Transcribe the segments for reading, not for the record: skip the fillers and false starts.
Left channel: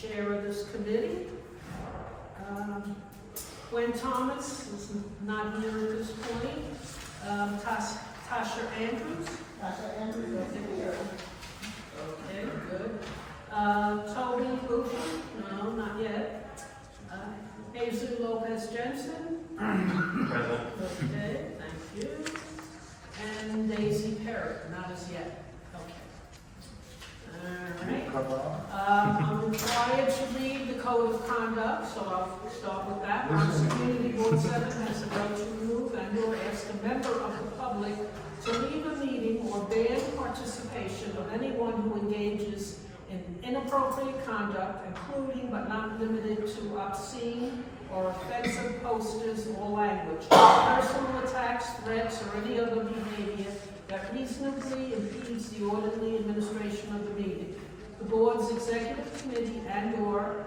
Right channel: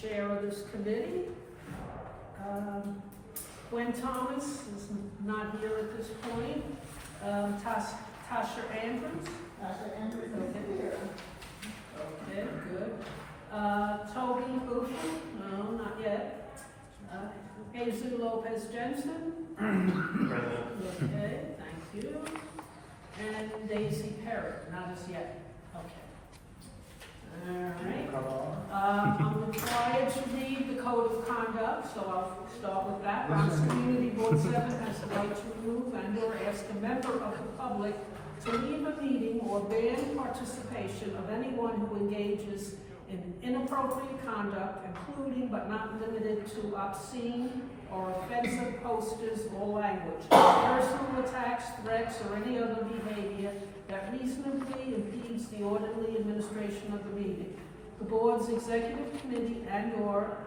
chair of this committee. Gwen Thomas is not here at this point. Tasha Andrews. Tasha Andrews, Okay, good. Toby Booth, no, not yet. Jesus Lopez Jensen. Okay, thank you. And Daisy Perry, not as yet. Okay. All right. I'm required to read the code of conduct, so I'll start with that. Bronx Community Board 7 has the right to remove and/or ask a member of the public to leave a meeting or ban participation of anyone who engages in inappropriate conduct, including but not limited to obscene or offensive posters or language, personal attacks, threats, or any other behavior that reasonably impedes the orderly administration of the meeting. The board's executive committee and/or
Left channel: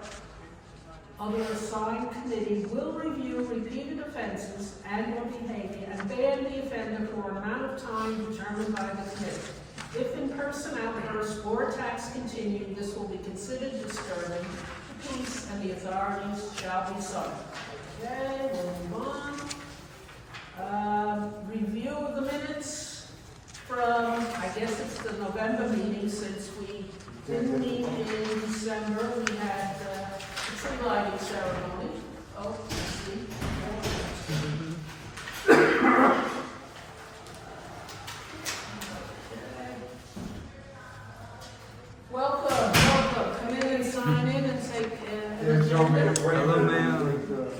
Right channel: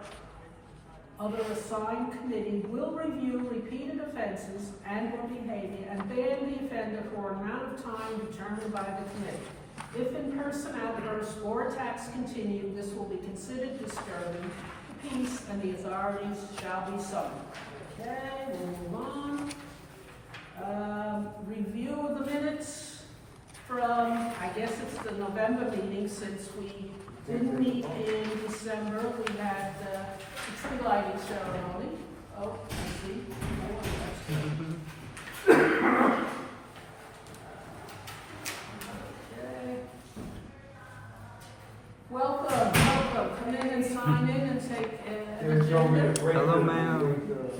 other assigned committee will review repeated offenses and/or behavior and ban the offender for an amount of time determined by the committee. If in-person outbursts or attacks continue, this will be considered disturbing to peace and the authorities shall be summoned. Okay, we'll move on. Review of the minutes from, I guess it's the November meeting, since we didn't meet in December. We had the tree lighting ceremony. Oh, I see. Welcome. Come in and sign in and take an agenda. Hello, ma'am.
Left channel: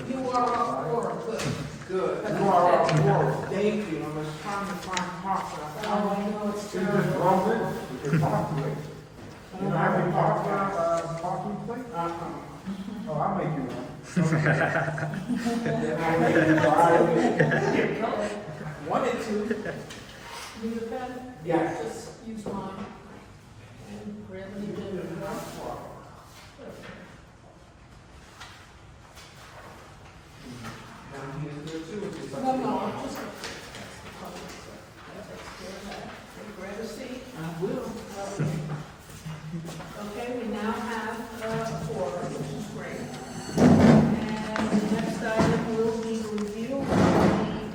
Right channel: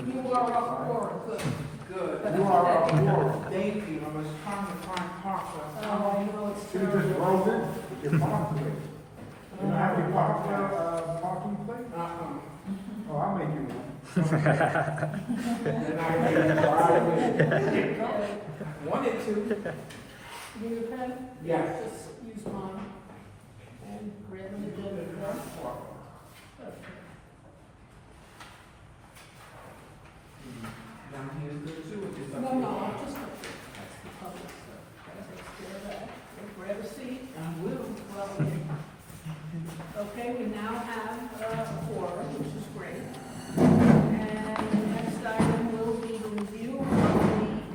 You are up for it. Good. Good. You are up for it. Thank you. I was trying to find Parker. Oh, I know it's You just terrible. rolled in. You can park it. You don't have your parking plate? Oh, I'll make you one. Then I make you buy it. Wanted to. Need a pen? Yes. Just use mine. And grab an agenda. Down here is good too. It's just up No, to no, you. I'm just. That's the public stuff. That takes care of that. Grab a seat. I will. Okay, we now have a forum, which is great. And the next item will be the review of the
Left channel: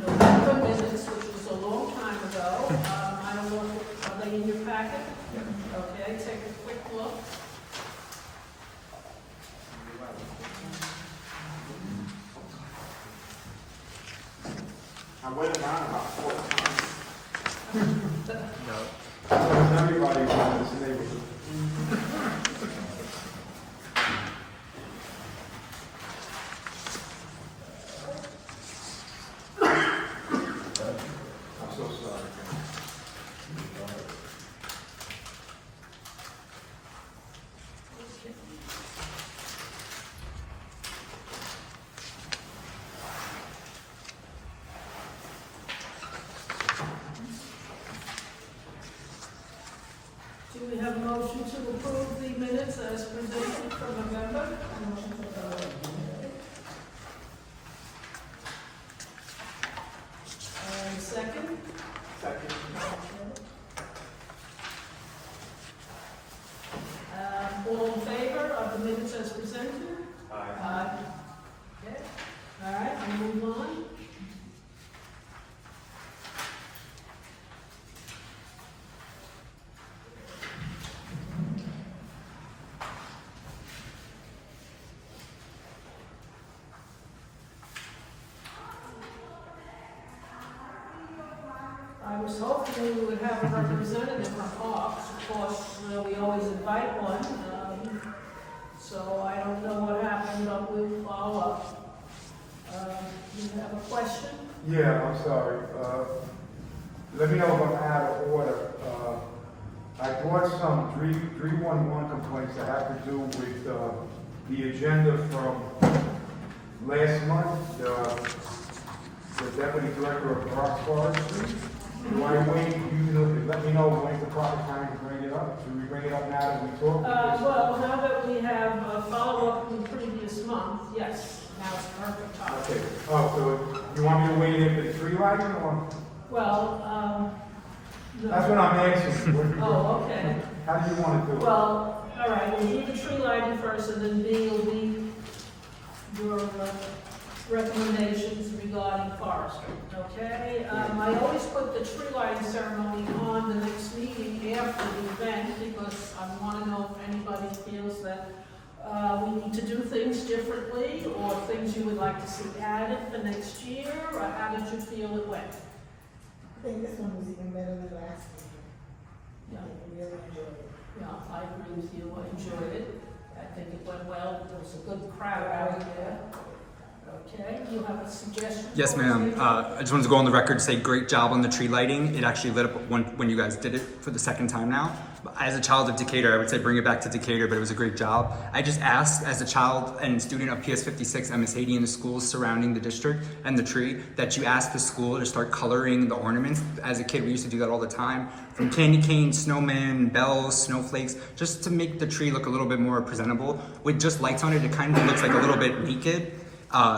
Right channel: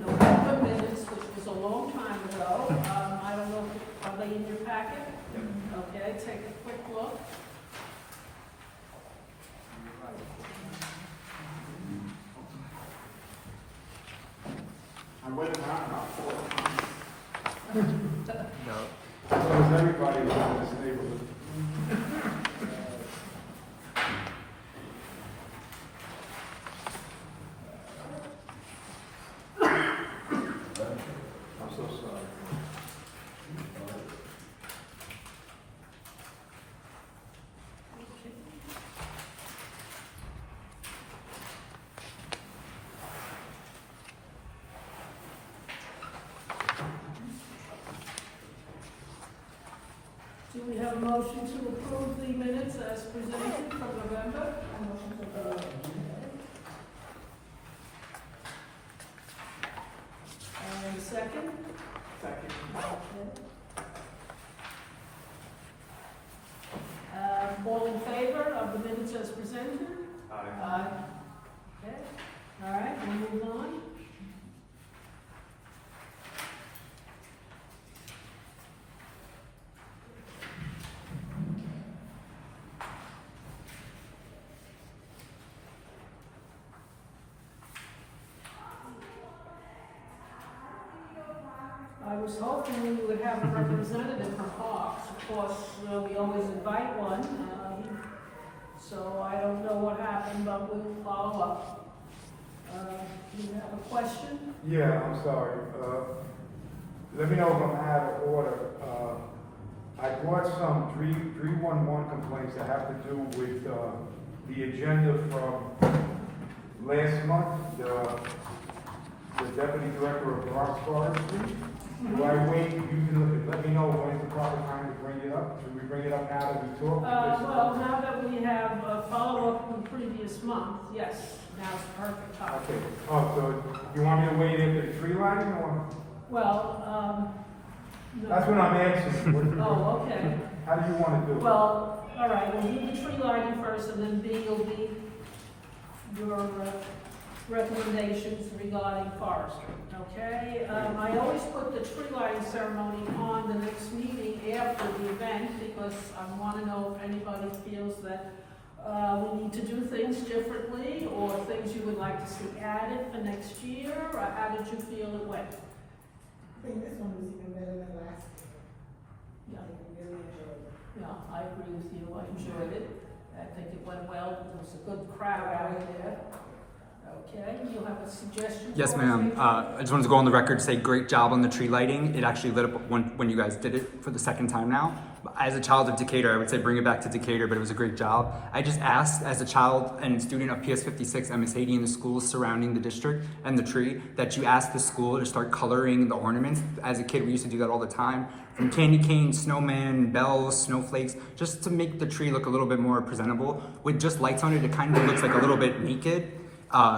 November minutes, which was a long time ago. I don't know, are they in your packet? Okay, take a quick look. I went around about 4 times. No. Everybody around this neighborhood. I'm so sorry. Do we have a motion to approve the minutes as presented from November? And second? Second. All in favor of the minutes as presented? Aye. Okay, all right, we'll move on. I was hoping we would have a representative from Parks. Of course, we always invite one. So I don't know what happened, but we'll follow up. You have a question? Yeah, I'm sorry. Let me know if I'm out of order. I brought some 311 complaints that have to do with the agenda from last month, the deputy director of Bronx Forestry. Do I wait, you to let me know when's the proper time to bring it up? Should we bring it up now that we talk? Well, now that we have a follow-up from the previous month, yes, now it's perfect time. Okay, oh, so you want me to wait here for the tree lighting or? Well, no. That's what I'm asking. Oh, okay. How do you want to do it? Well, All right, we'll do the tree lighting first, and then B will be your recommendations regarding forestry, okay? I always put the tree lighting ceremony on the next meeting after the event, because I want to know if anybody feels that we need to do things differently, or things you would like to see added for next year, or how did you feel it went? I think this one was even better than last year. Yeah. I really enjoyed it. Yeah, I agree with you, I enjoyed it. I think it went well, there was a good crowd out there. Okay, you have a suggestion? Yes, ma'am. I just wanted to go on the record to say great job on the tree lighting. It actually lit up when you guys did it for the second time now. As a child of Decatur, I would say bring it back to Decatur, but it was a great job. I just asked, as a child and student of PS 56 MS80 in the schools surrounding the district and the tree, that you ask the school to start coloring the ornaments. As a kid, we used to do that all the time. From candy canes, snowmen, bells, snowflakes, just to make the tree look a little bit more presentable. With just lights on it, it kind of looks like a little bit naked.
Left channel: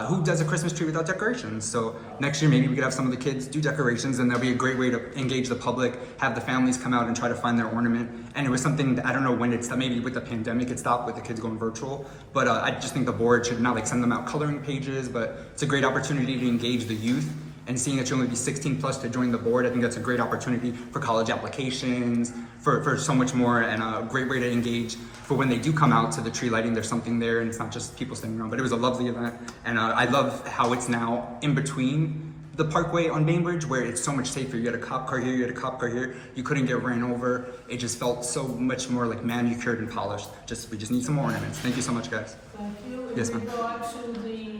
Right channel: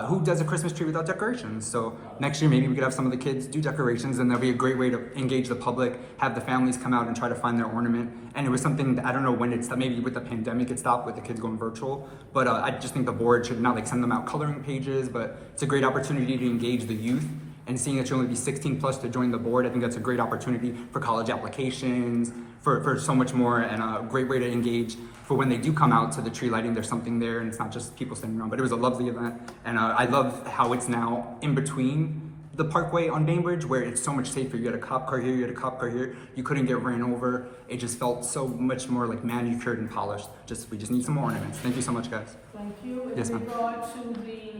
Who does a Christmas tree without decorations? So next year, maybe we could have some of the kids do decorations, and that'll be a great way to engage the public, have the families come out and try to find their ornament. And it was something that I don't know when it stopped, maybe with the pandemic it stopped with the kids going virtual, but I just think the board should not like send them out coloring pages, but it's a great opportunity to engage the youth. And seeing that you only be 16 plus to join the board, I think that's a great opportunity for college applications, for so much more, and a great way to engage for when they do come out to the tree lighting, there's something there, and it's not just people standing around. But it was a lovely event, and I love how it's now in between the parkway on Bainbridge, where it's so much safer. You had a cop car here, you had a cop car here, you couldn't get ran over. It just felt so much more like manicured and polished. We just need some more ornaments. Thank you so much, guys. Thank you. Yes, In ma'am. regard to the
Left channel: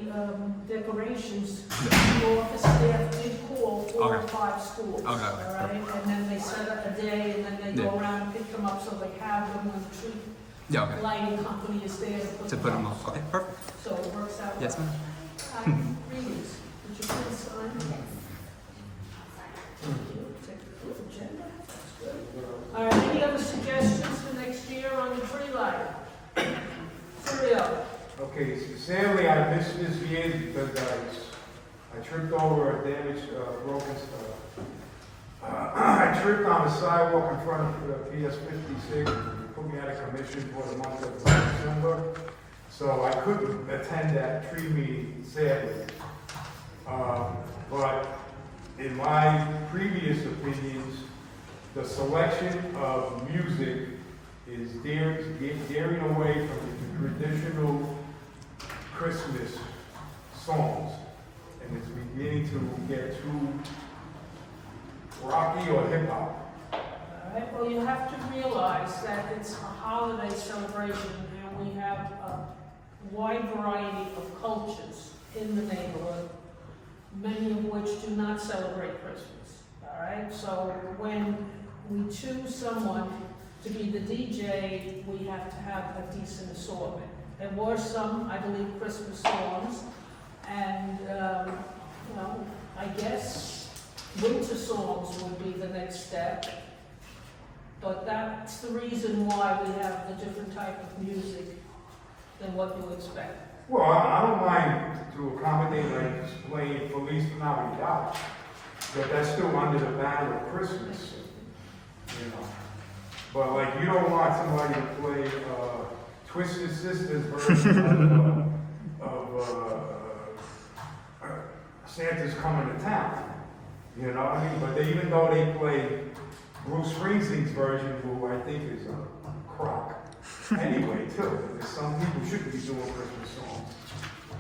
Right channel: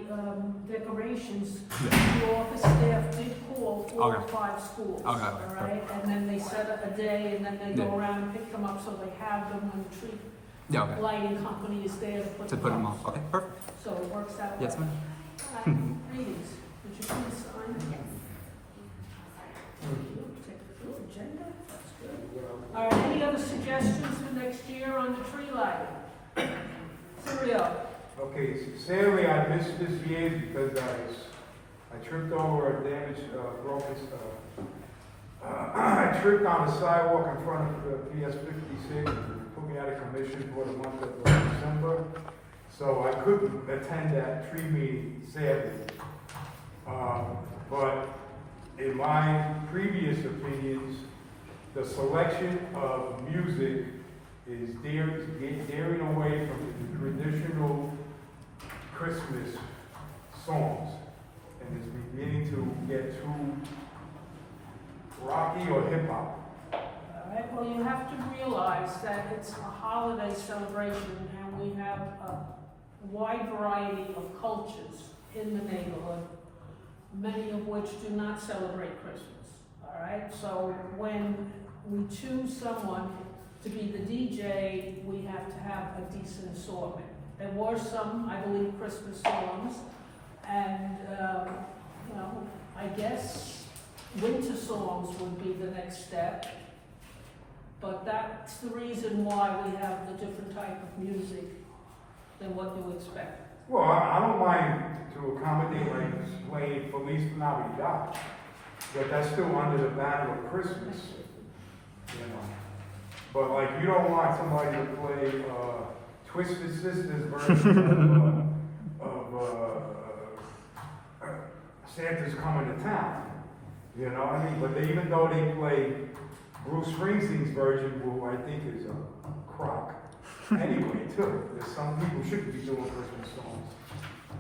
decorations, the office staff did call 4 or 5 schools. Okay, All right, and then they set up a day, and then they go Yeah. around and pick them up, so they have them when the tree Yeah, okay. lighting company is there To put them off. Okay, perfect. So it works out. Yes, ma'am. Greetings. Would you please sign? Thank you. Take the full agenda. That's good. All right, any other suggestions for next year on the tree lighting? Surreal. Okay, sadly, I missed this year because I tripped over a damaged, broken stuff. I tripped on the sidewalk in front of PS 56, put me out of commission for the month of December. So I couldn't attend that tree meeting, sadly. But in my previous opinions, the selection of music is daring away from the traditional Christmas songs. And it's beginning to get too rocky or hip hop. All right, well, you have to realize that it's a holiday celebration, and we have a wide variety of cultures in the neighborhood, many of which do not celebrate Christmas. All right, so when we choose someone to be the DJ, we have to have a decent assortment. There were some, I believe, Christmas songs, and, well, I guess winter songs would be the next step. But that's the reason why we have the different type of music than what you expect. Well, I don't mind to accommodate like playing Feliz Navidad, but that's still under the banner of Christmas, you know. But like, you don't want somebody to play Twisted Sisters version of Santa's Coming to Town, you know what I mean? But even though they play Bruce Springsteen's version, who I think is a crock anyway, too. Some people shouldn't be doing Christmas songs,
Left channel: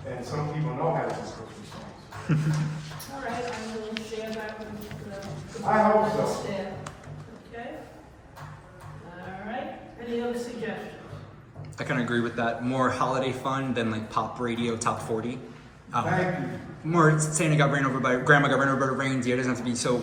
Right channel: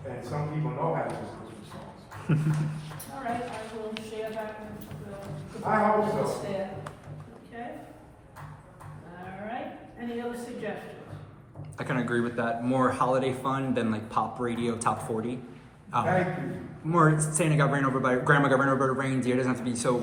and some people know how to do Christmas songs. All right, I will share that with the I hope so. staff. Okay? All right, any other suggestions? I kind of agree with that. More holiday fun than like pop radio top 40. Thank you. More Santa got ran over by, Grandma got ran over by reindeer. It doesn't have to be so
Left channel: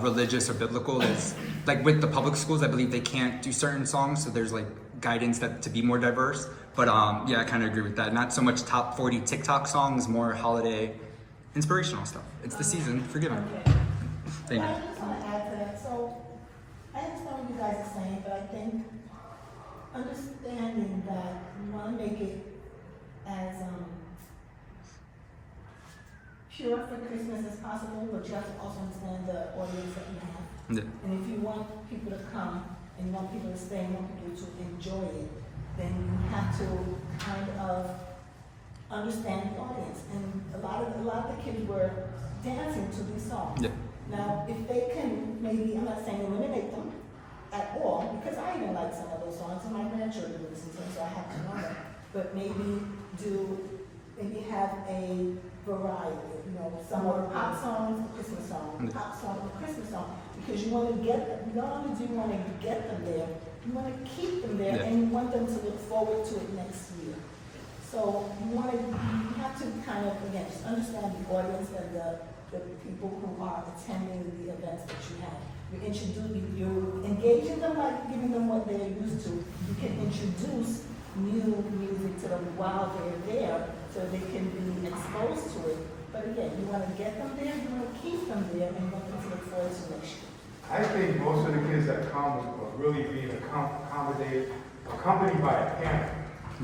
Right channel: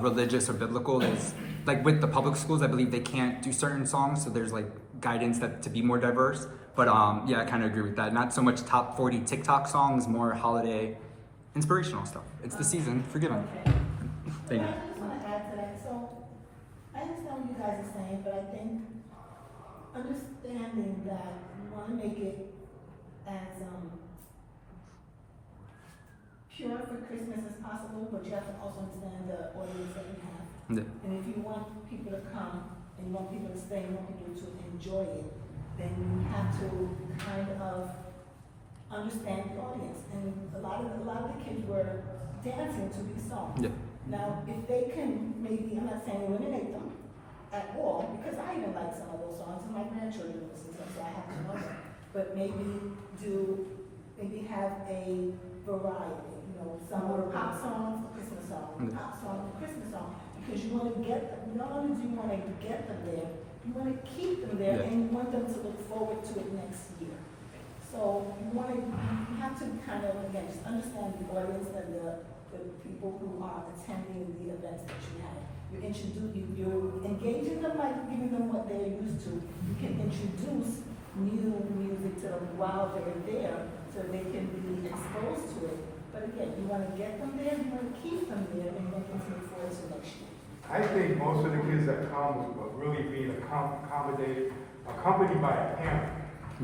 religious or biblical. There's, like with the public schools, I believe they can't do certain songs, so there's like guidance that to be more diverse. But yeah, I kind of agree with that. Not so much top 40 TikTok songs, more holiday inspirational stuff. It's the season. Forgive me. Okay. Thank you. I just want to add to that. So, I understand what you guys are saying, but I think understanding that you want to make it as pure for Christmas as possible, but you have to also understand the audience that you have. Yeah. And if you want people to come and you want people to stay, you want people to enjoy it, then you have to kind of understand the audience. And a lot of the kids were dancing to these songs. Yeah. Now, if they can maybe, I'm not saying eliminate them at all, because I even like some of those songs, and my grandchildren listen to them, so I have to know them. But maybe have a variety, you know, some are pop songs, Christmas songs, pop songs, Christmas songs, because you want to get them, not only do you want to get them there, you want to keep them there, and you want them to look forward to it next year. So you have to kind of, again, just understand the audience and the people who are attending the events that you have. You're engaging them by giving them what they're used to. You can introduce new music to them while they're there, so they can be exposed to it. But again, you want to get them there, you want to keep them there, and you want them to look forward to next year. I think most of the kids that come are really being accompanied by a parent.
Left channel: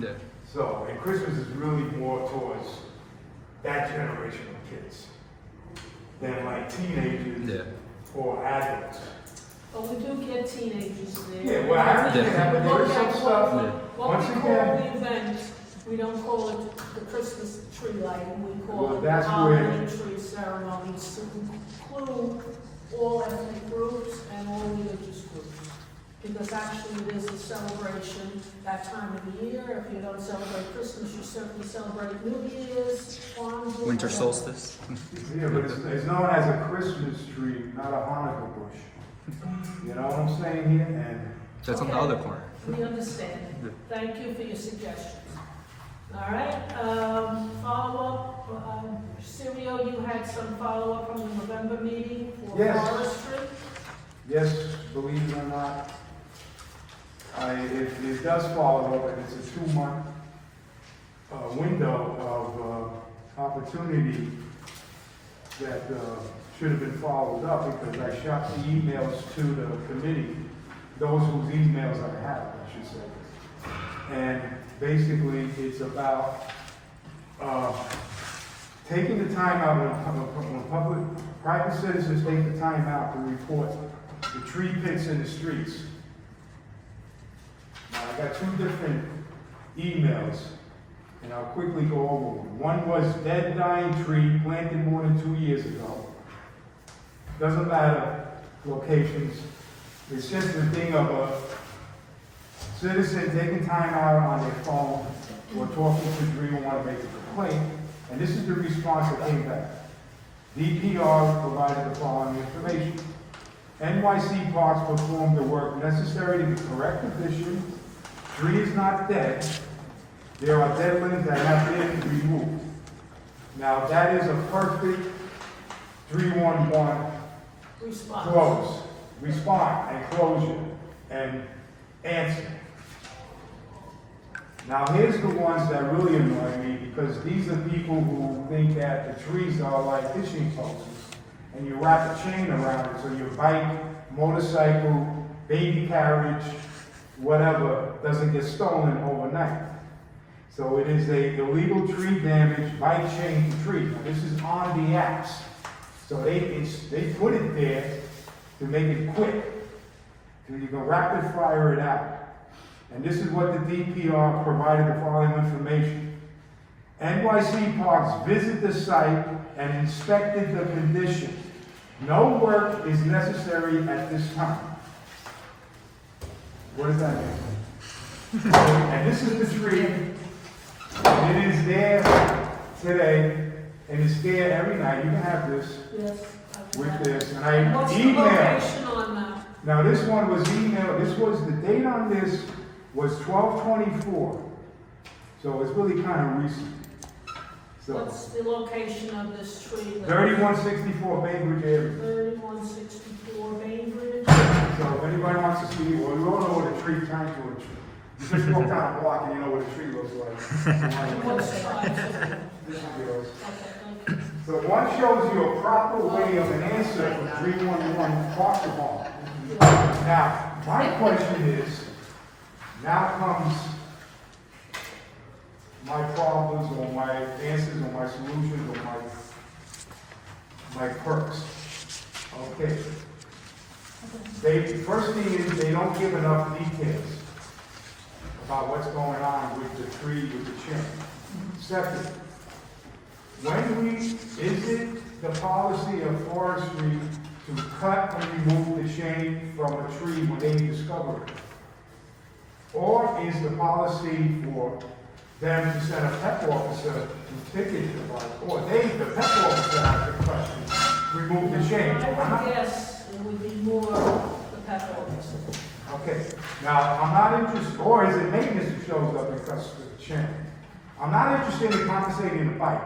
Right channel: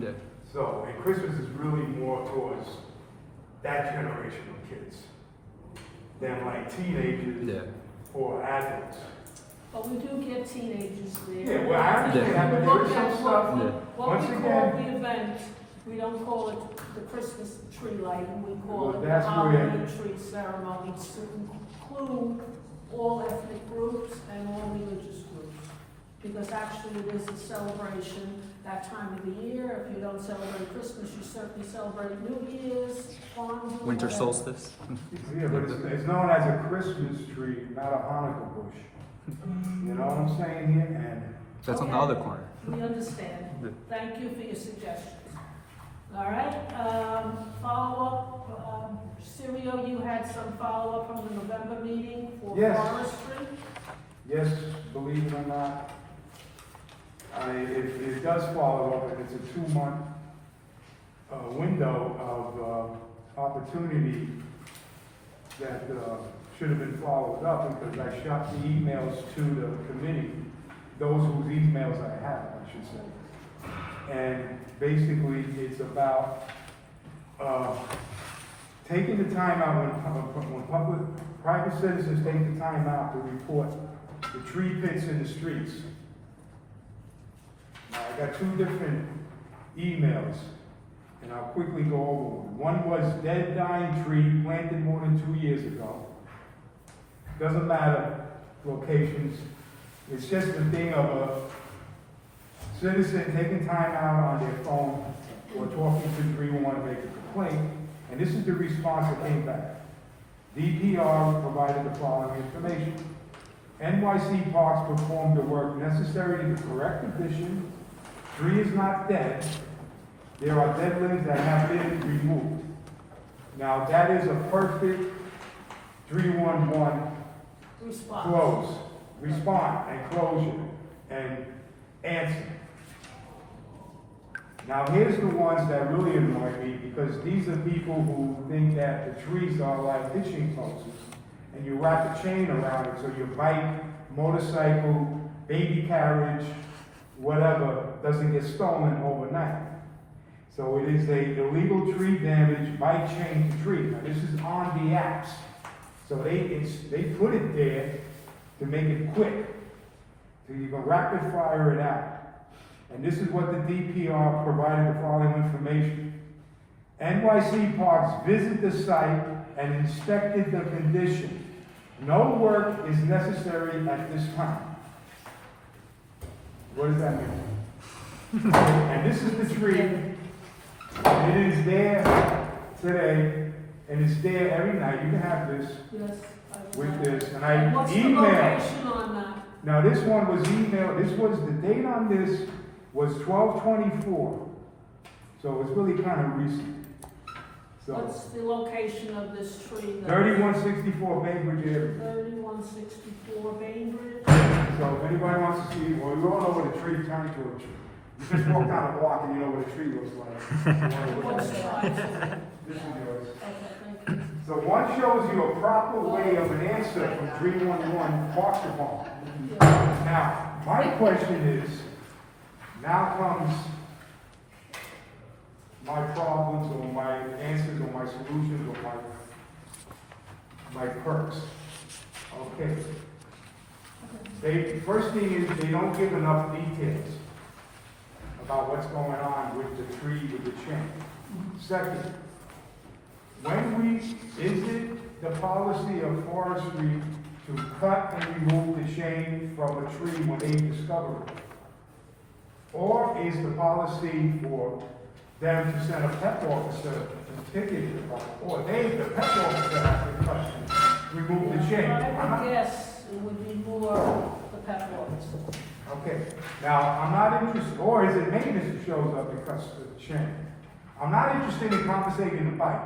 Yeah. So, and Christmas is really more towards that generation of kids than like teenagers or adults. But we do get teenagers there. Yeah, well, I understand. We look There's some at stuff. what Once we again, call the event, we don't call it the Christmas tree lighting, we call Well, it the that's holiday where- tree ceremony to include all ethnic groups and all religious groups. Because actually it is a celebration that time of the year. If you don't celebrate Christmas, you certainly celebrate New Year's, Kwanzaa, Winter whatever. solstice. Yeah, but it's known as a Christmas tree, not a Hanukkah bush. You know what I'm saying here? And That's on the Okay. other corner. We understand. Good. Thank you for your suggestions. All right, follow-up, Sirio, you had some follow-up from the November meeting for Yes. forestry? yes, believe it or not, it does follow up, and it's a 2-month window of opportunity that should have been followed up, because I shot the emails to the committee, those whose emails I have, I should say. And basically, it's about taking the time out when private citizens take the time out to report the tree pits in the streets. Now, I got 2 different emails, and I'll quickly go over them. One was dead, dying tree planted more than 2 years ago. Doesn't matter locations. It's just the thing of a citizen taking time out on their phone or talking to 311 to make a complaint. And this is the response that came back. DPR provided the following information. NYC Parks performed the work necessary to correct condition. Tree is not dead. There are dead limbs that have been removed. Now that is a perfect 311 Response. close, respond and closure and answer. Now here's the ones that really annoy me, because these are people who think that the trees are like fishing posts and you wrap a chain around it so your bike, motorcycle, baby carriage, whatever, doesn't get stolen overnight. So it is a illegal tree damage bike chain to tree. Now, this is on the apps. So they put it there to make it quick, so you can rapid fire it out. And this is what the DPR provided the following information. NYC Parks visited the site and inspected the condition. No work is necessary at this time. What does that mean? And this is the tree. And it is there today, and it's there every night. You can have this Yes. with this. And And what's the emailed. location on that? Now, this one was emailed, the date on this was 12/24. So it's really kind of recent. So, What's the location of this tree? 3164 Bainbridge Avenue. 3164 Bainbridge. So if anybody wants to see, well, you all know what a tree turned to a tree. You just walk down a block and you know what a tree looks like. What's the size of it? This one goes. Okay, thank you. So one shows you a proper way of an answer from 311 Park Department. Now, my question is, now comes my problems or my answers or my solutions or my perks. Okay. First thing is, they don't give enough details about what's going on with the tree, with the chimney. Second, is it the policy of forestry to cut and remove the chain from a tree when they discover it? Or is the policy for them to send a pet officer to ticket the bike? Or the pet officer, has the question, remove the chain? I would guess it would be more the pet officer. Okay, now, I'm not interested, or is it maintenance that shows up because of the chain? I'm not interested in compensating the bike.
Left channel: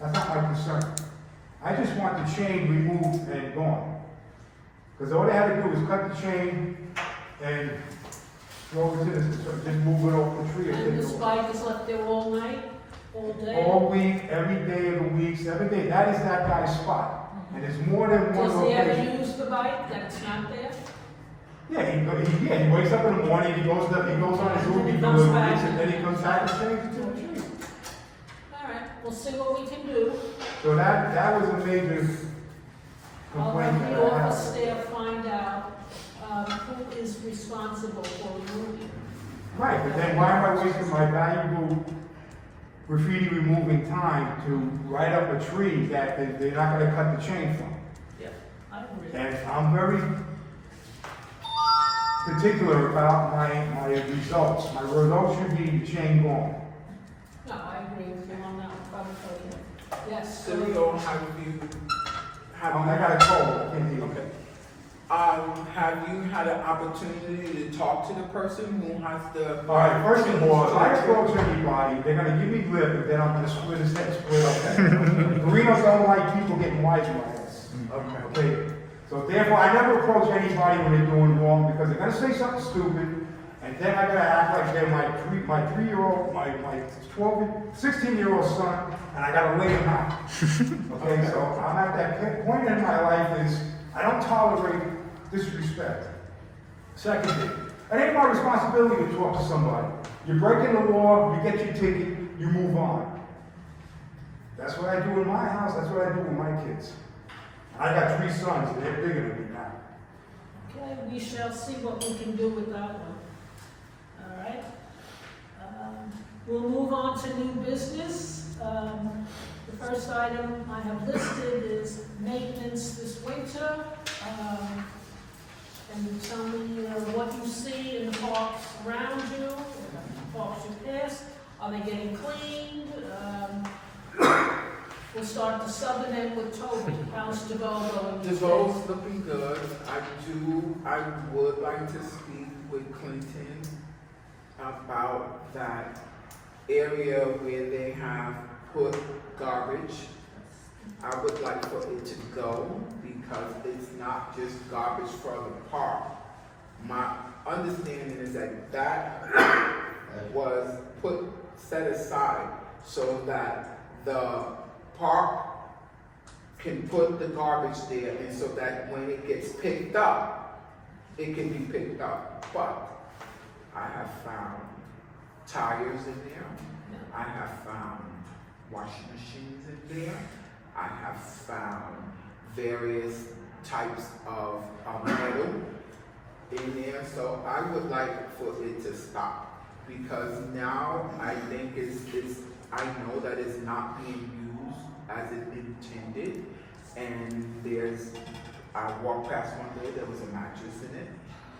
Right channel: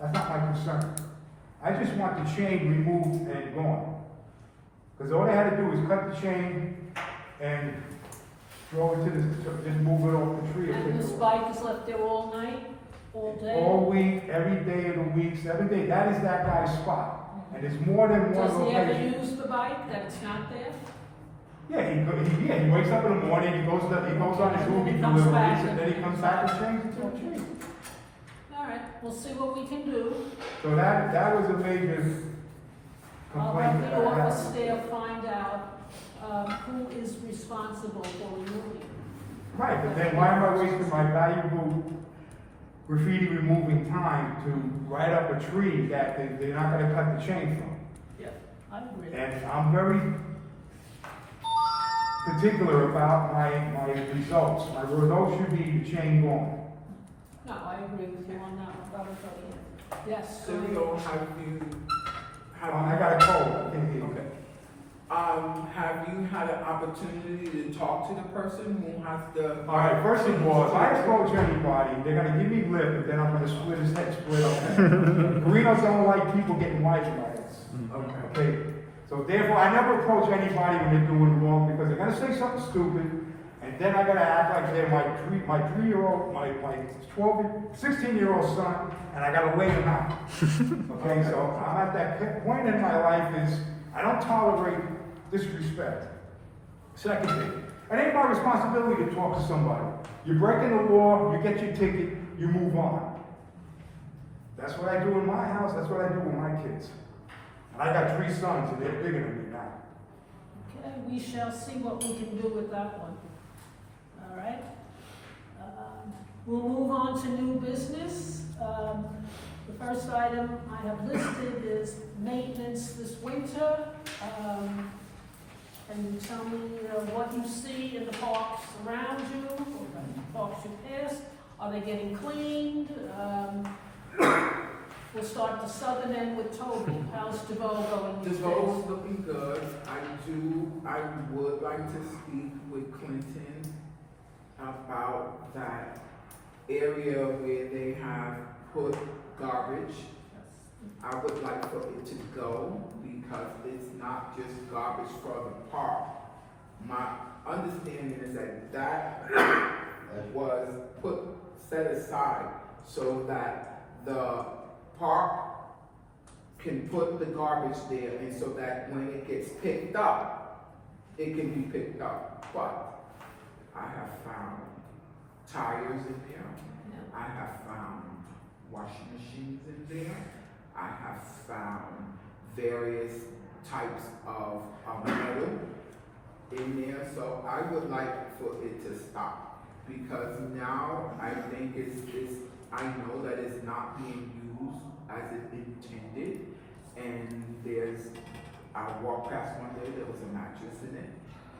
That's not my concern. I just want the chain removed and gone. Because all they had to do was cut the chain and throw it to just move it over the tree. And this bike is left there all night, all day? All week, every day of the week, 7 days. That is that guy's spot. And there's more than one Does he ever location. use the bike, that it's not there? Yeah, he wakes up in the morning, he goes on his And then Uber he comes deliveries, back. and then he comes back and changes to the tree. All right, we'll see what we can do. So that was a major I'll complaint have that the I office had. staff find out who is responsible for removing it. Right, but then why am I wasting my valuable graffiti removing time to write up a tree that they're not gonna cut the chain from? Yeah, I agree. And I'm very particular about my results. My results should be the chain gone. No, I agree with you on that one, I'm with you. Yes, So I got a cold, I can't hear you. Okay. Have you had an opportunity to talk to the person who has the? All right, first of all, if I approach anybody, they're gonna give me lip, and then I'm gonna split his head, split up. Guerinos don't like people getting wise rights. Okay, so therefore, I never approach anybody when they're doing wrong, because they're gonna say something stupid, and then I gotta act like they're my 3-year-old, my 16-year-old son, and I gotta lay him out. Okay, so I'm at that point in my life is, I don't tolerate disrespect. Second thing, it ain't my responsibility to talk to somebody. You're breaking the law, you get your ticket, you move on. That's what I do in my house, that's what I do with my kids. And I got 3 sons, and they're bigger than me now. Okay, we shall see what we can do with that one. All right. We'll move on to new business. The first item I have listed is maintenance this winter. And you tell me what you see in the parks around you, the parks you pass. Are they getting cleaned? We'll start the southern end with Toby. How's DeVoe going these days? DeVoe's looking good. I would like to speak with Clinton about that area where they have put garbage. I would like for it to go because it's not just garbage for the park. My understanding is that was set aside so that the park can put the garbage there, and so that when it gets picked up, it can be picked up. But I have found tires in there. I have found washing machines in there. I have found various types of metal in there. So I would like for it to stop because now I think I know that it's not being used as it intended. And I walked past one day, there was a mattress in it.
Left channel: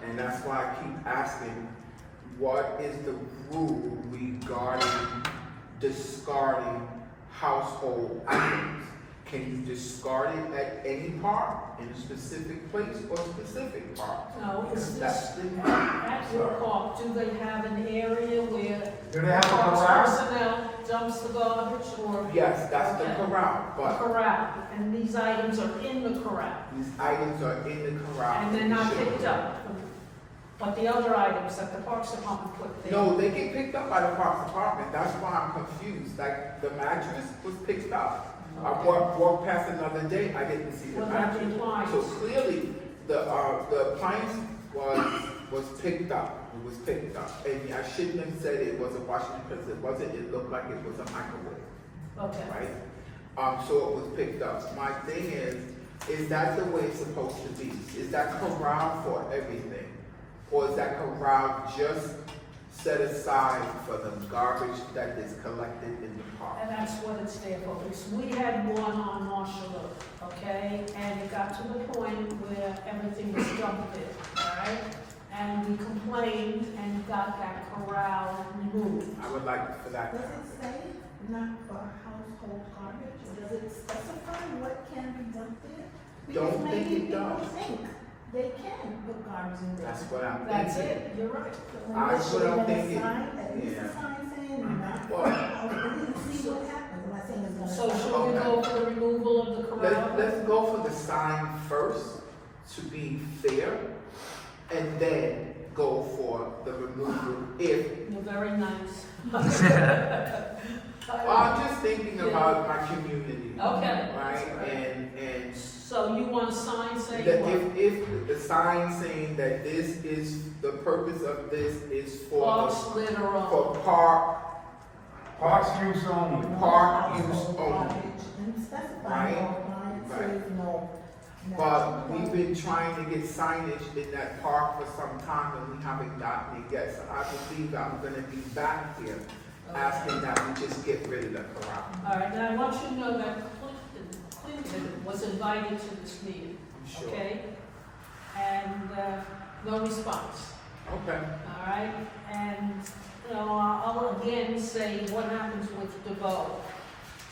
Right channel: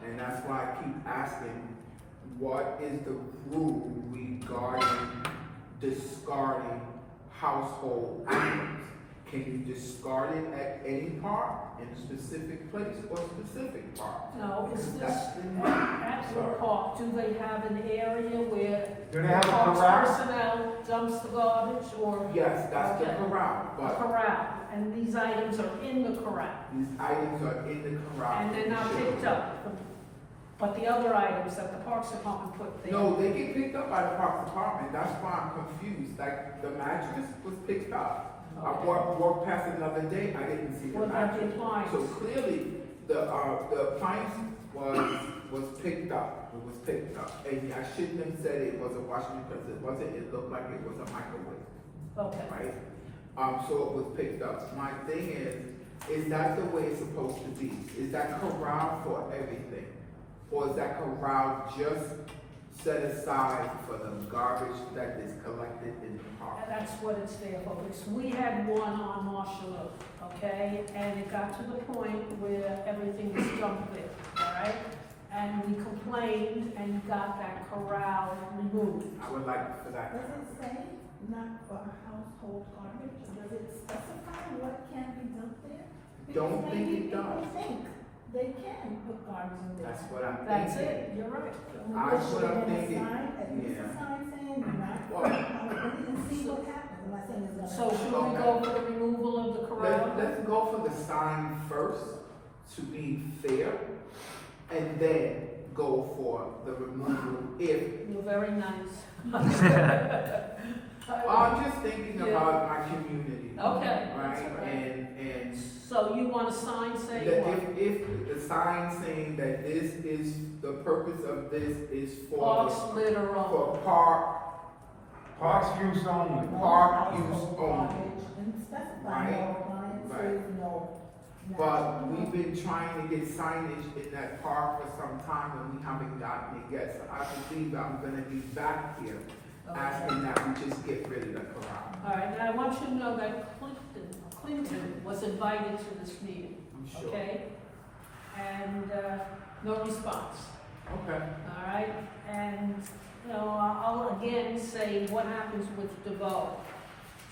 And that's why I keep asking, what is the rule regarding discarding household items? Can you discard it at any park, in a specific place or specific park? No, is this That's at your park, do they have an area where Do they have a parks corral? personnel dumps the garbage or? Yes, that's the Okay. corral, The but corral, and these items are in the corral, these items are in the corral. and they're not picked up. But the other items that the Parks Department put there. No, they get picked up by the Parks Department, that's why I'm confused, like, the mattress was picked up. I walked past another day, I didn't see the What about the mattress. appliance? So clearly, the appliance was picked up, it was picked up. And I shouldn't have said it was a washing because it wasn't, it looked like it was a microwave, Okay, right? So it was picked up. My thing is, is that the way it's supposed to be? Is that corral for everything? Or is that corral just set aside for the garbage that is collected in the park? And that's what it's there for. We had one on Marshall Oak, okay? And it got to the point where everything was dumped there, all right? And we complained and got that corral removed. I would like for that. Does it say not for household garbage, or does it specify what can be dumped there? Don't Because think maybe it people does. think they can put garbage in there. That's what I'm That's thinking. it, you're right. That's what I'm thinking. At least Yeah. a sign saying not for household, and see what happens, I'm not saying it's gonna. So should we go for the removal of the corral? Let's go for the sign first, to be fair, and then go for the removal if. You're very nice. I'm just thinking Yeah. about my community. Okay, Right, that's right. and So you want a sign saying that what? if the sign saying that this is, the purpose of this is Park for litter on. for park, Parks use only. park use Household only. garbage, and specify Right. no appliances, no. But we've been trying to get signage in that park for some time and we haven't gotten it yet. So I believe I'm gonna be back here asking that we just get rid of the corral. All right, now I want you to know that Clinton was invited to this meeting, I'm sure. okay? And, no response, Okay. all right? And, you know, I'll again say what happens with DeVoe.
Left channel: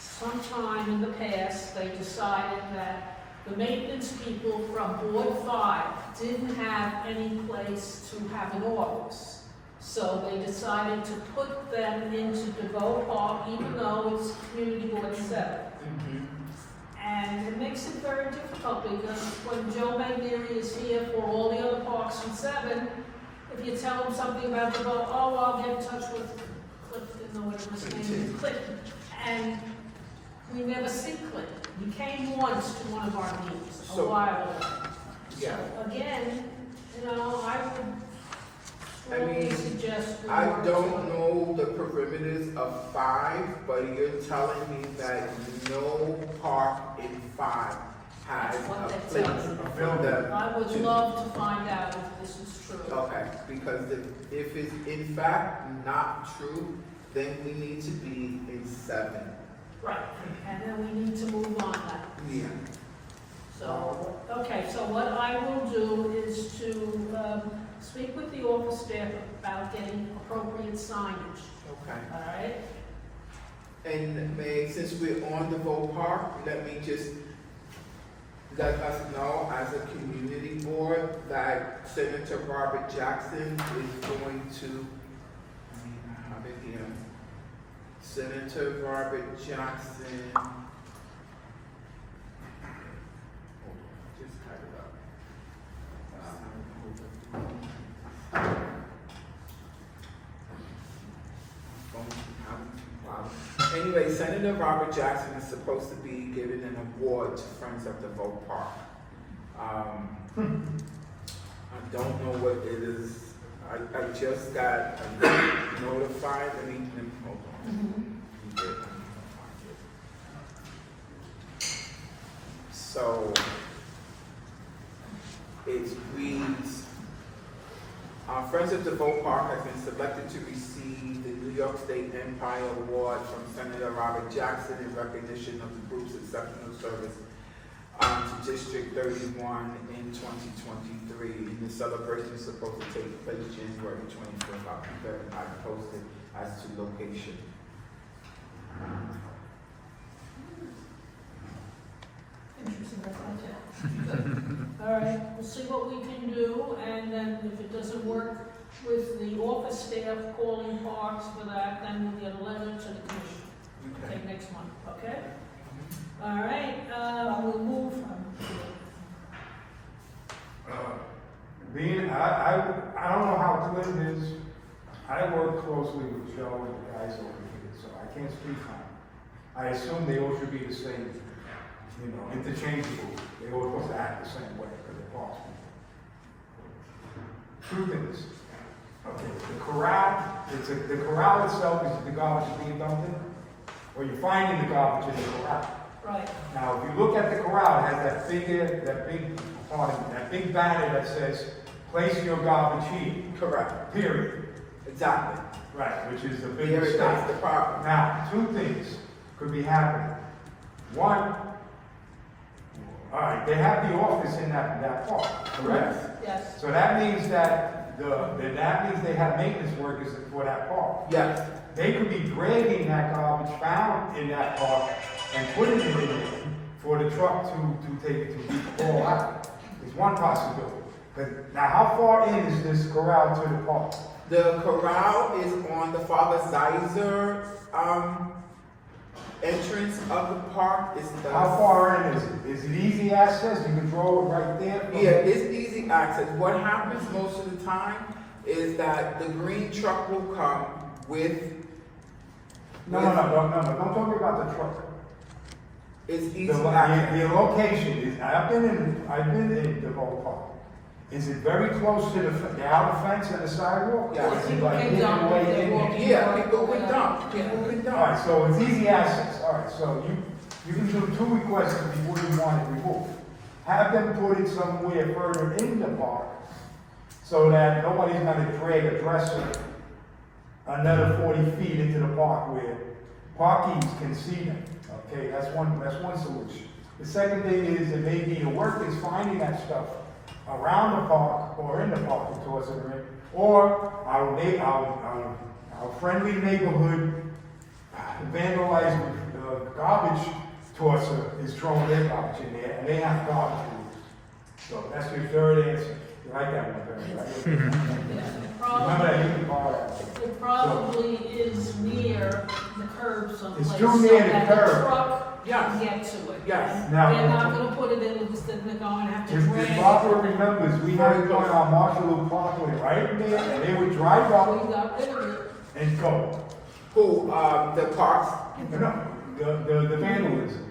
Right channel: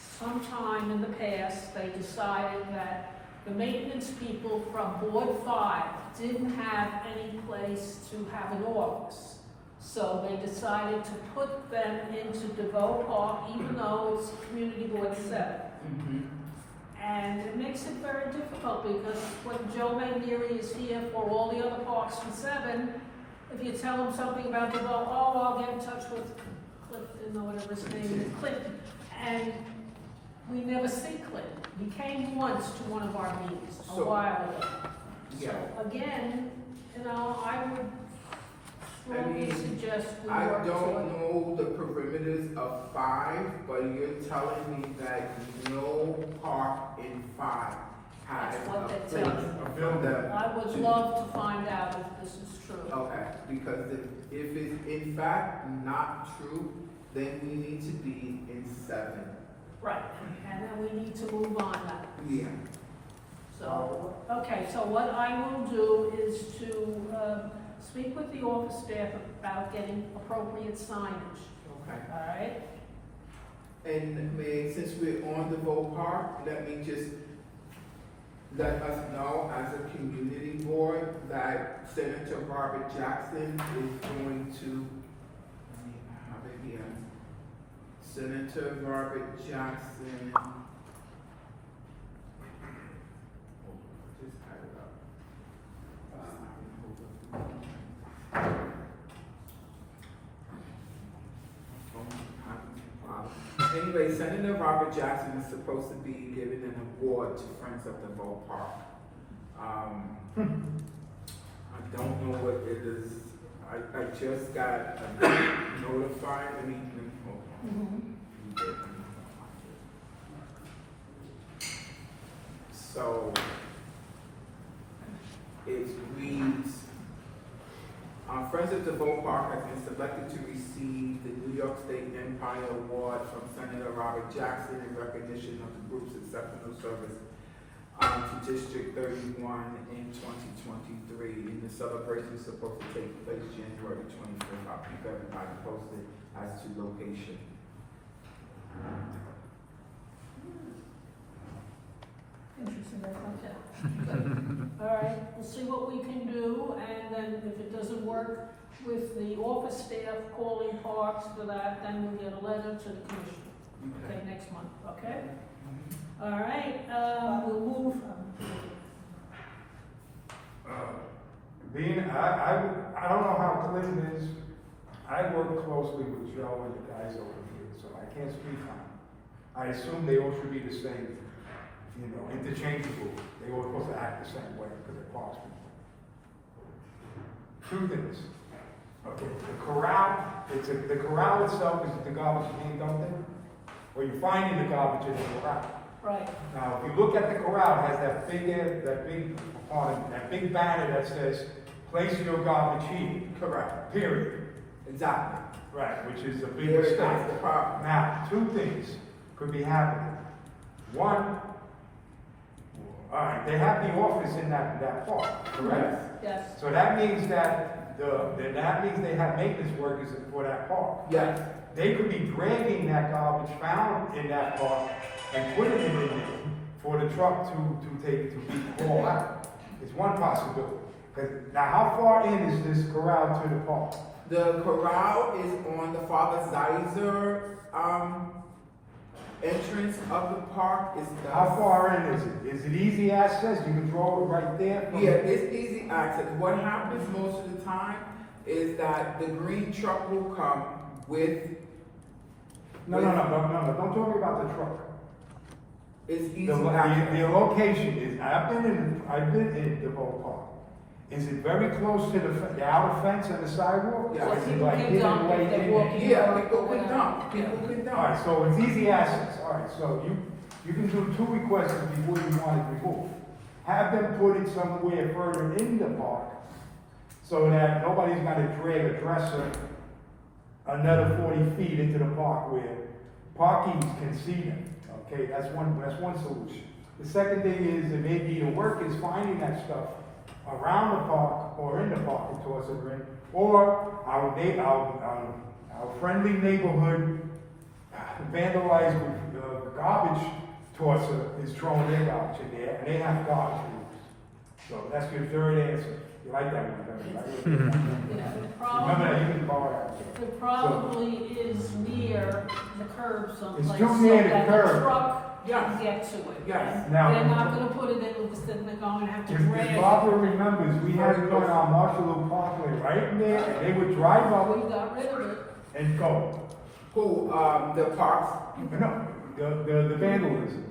Sometime in the past, they decided that the maintenance people from Board 5 didn't have any place to have an office. So they decided to put them into DeVoe Park, even though it's Community Board 7. And it makes it very difficult because when Joe Mangieri is here for all the other parks from 7, if you tell him something about DeVoe, oh, I'll get in touch with Clifton or whatever his name is, Clinton. And we never see Clinton. He came once to one of our meetings a So- while ago. Yeah. Again, you know, I would I strongly mean, suggest we I work don't to. know the perimeters of 5, but you're telling me that no park in 5 has That's what a they tell place me. for the. I would love to find out if this is true. Okay, because if it's in fact not true, then we need to be in 7. Right, and then we need to move on now. Yeah. So, okay, so what I will do is to speak with the office staff about getting appropriate signage, Okay. all right? And May, since we're on the Vote Park, let me just let us know as a community board that Senator Robert Jackson is going to, I mean, I have it here. Senator Robert Jackson. Just type it up. Anyway, Senator Robert Jackson is supposed to be giving an award to Friends of the Vote Park. I don't know what it is. I just got notified. Let me hold on. So it reads, Friends of the Vote Park has been selected to receive the New York State Empire Award from Senator Robert Jackson in recognition of the group's exceptional service to District 31 in 2023. And the celebration is supposed to take place January 24th. I'll keep everybody posted as to location. Interesting, that's not that. All right, we'll see what we can do, and then if it doesn't work with the office staff calling parks for that, then we'll get a letter to the commission. Okay, next month, okay? All right, we'll move from. Being, I don't know how Clinton is. I work closely with Joe and the guys over here, so I can't speak on it. I assume they all should be the same, you know, interchangeable. They all supposed to act the same way because they're parks people. Truth is, okay, the corral, the corral itself is the garbage being dumped in, or you're finding the garbage in the corral. Right. Now, if you look at the corral, it has that big banner that says, place your garbage here, Correct. period. Exactly. Right, which is a big Here mistake. that's the problem. Now, two things could be happening. One, all right, they have the office in that park, correct? Yes. So that means that they have maintenance workers for that park. Yes. They could be dragging that garbage found in that park and putting it in there for the truck to be hauled out. Is one possibility. 'Cause now, how far in is this corral to the park? The corral is on the Father Zeiser, entrance of the park. It's the. How far in is it? Is it easy access? You can draw it right there? from- Yeah, it's easy access. What happens most of the time is that the green truck will come with, No, don't talk about the truck. it's easy The access. location is, I've been in the whole park. Is it very close to the outer fence and the sidewalk? Yeah. Or is it People like can hidden dump way if they're in? walking. Yeah, people can dump, people can All right, dump. so it's easy access, all right, so you can do two requests before you want it removed. Have them put it somewhere further in the park, so that nobody's gonna drag a dresser another 40 feet into the park where parkies can see them, okay, that's one solution. The second thing is, it may be the workers finding that stuff around the park or in the park and tossing it in, or our friendly neighborhood vandalized garbage tosser is throwing their garbage in there, and they have garbage rules. So that's your third answer. You like that one, Barry, right? Yeah, the Remember that, problem, you can borrow that. it probably is near the curb someplace. It's too so near the that curb. truck Yes. can get to it. Yes. And Now- they're not gonna put it in, because then they're going to have to If drag if it. Barbara remembers, we had one on Marshall Parkway right in there, and they would drive We up got rid of it. and go. Who, the parks, No, the vandalism,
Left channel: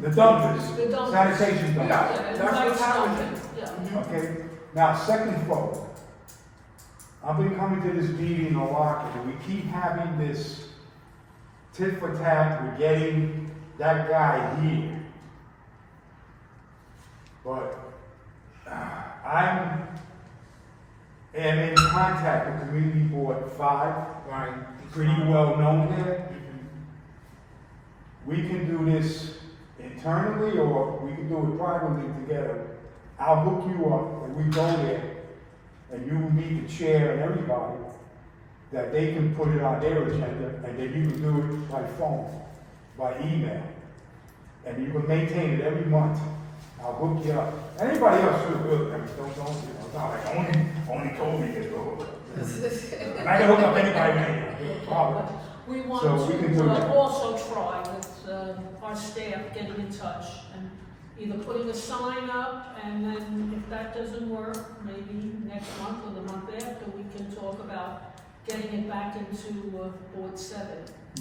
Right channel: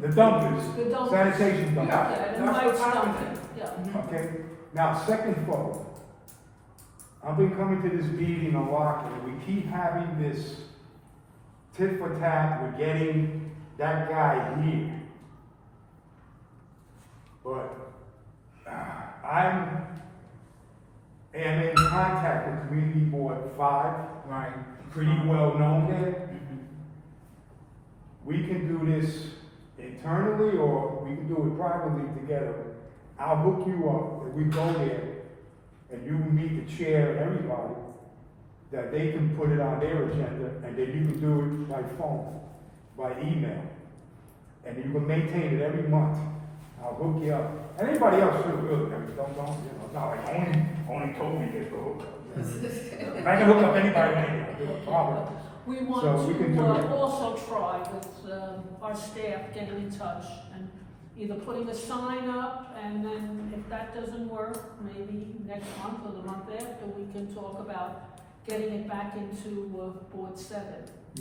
the dumpsters, The dumpsters. sanitation dumpsters. Yeah. Yeah, and that's night what's happening. dumping, yeah. Okay, now, second vote. I've been coming to this meeting a lot, and we keep having this tit for tat, we're getting that guy here. But, am in contact with Community Board 5, right? pretty well known here. Mhm. We can do this internally, or we can do it privately together. I'll hook you up, and we go there, and you meet the chair and everybody, that they can put it on their agenda, and then you can do it by phone, by email. And you can maintain it every month. I'll hook you up. Anybody else should do it, I mean, don't, it's not like only Toby gets to hook up. And I can hook up anybody, with a problem. We So want we can do to that. also try with our staff getting in touch and either putting a sign up, and then if that doesn't work, maybe next month or the month after, we can talk about getting it back into Board 7,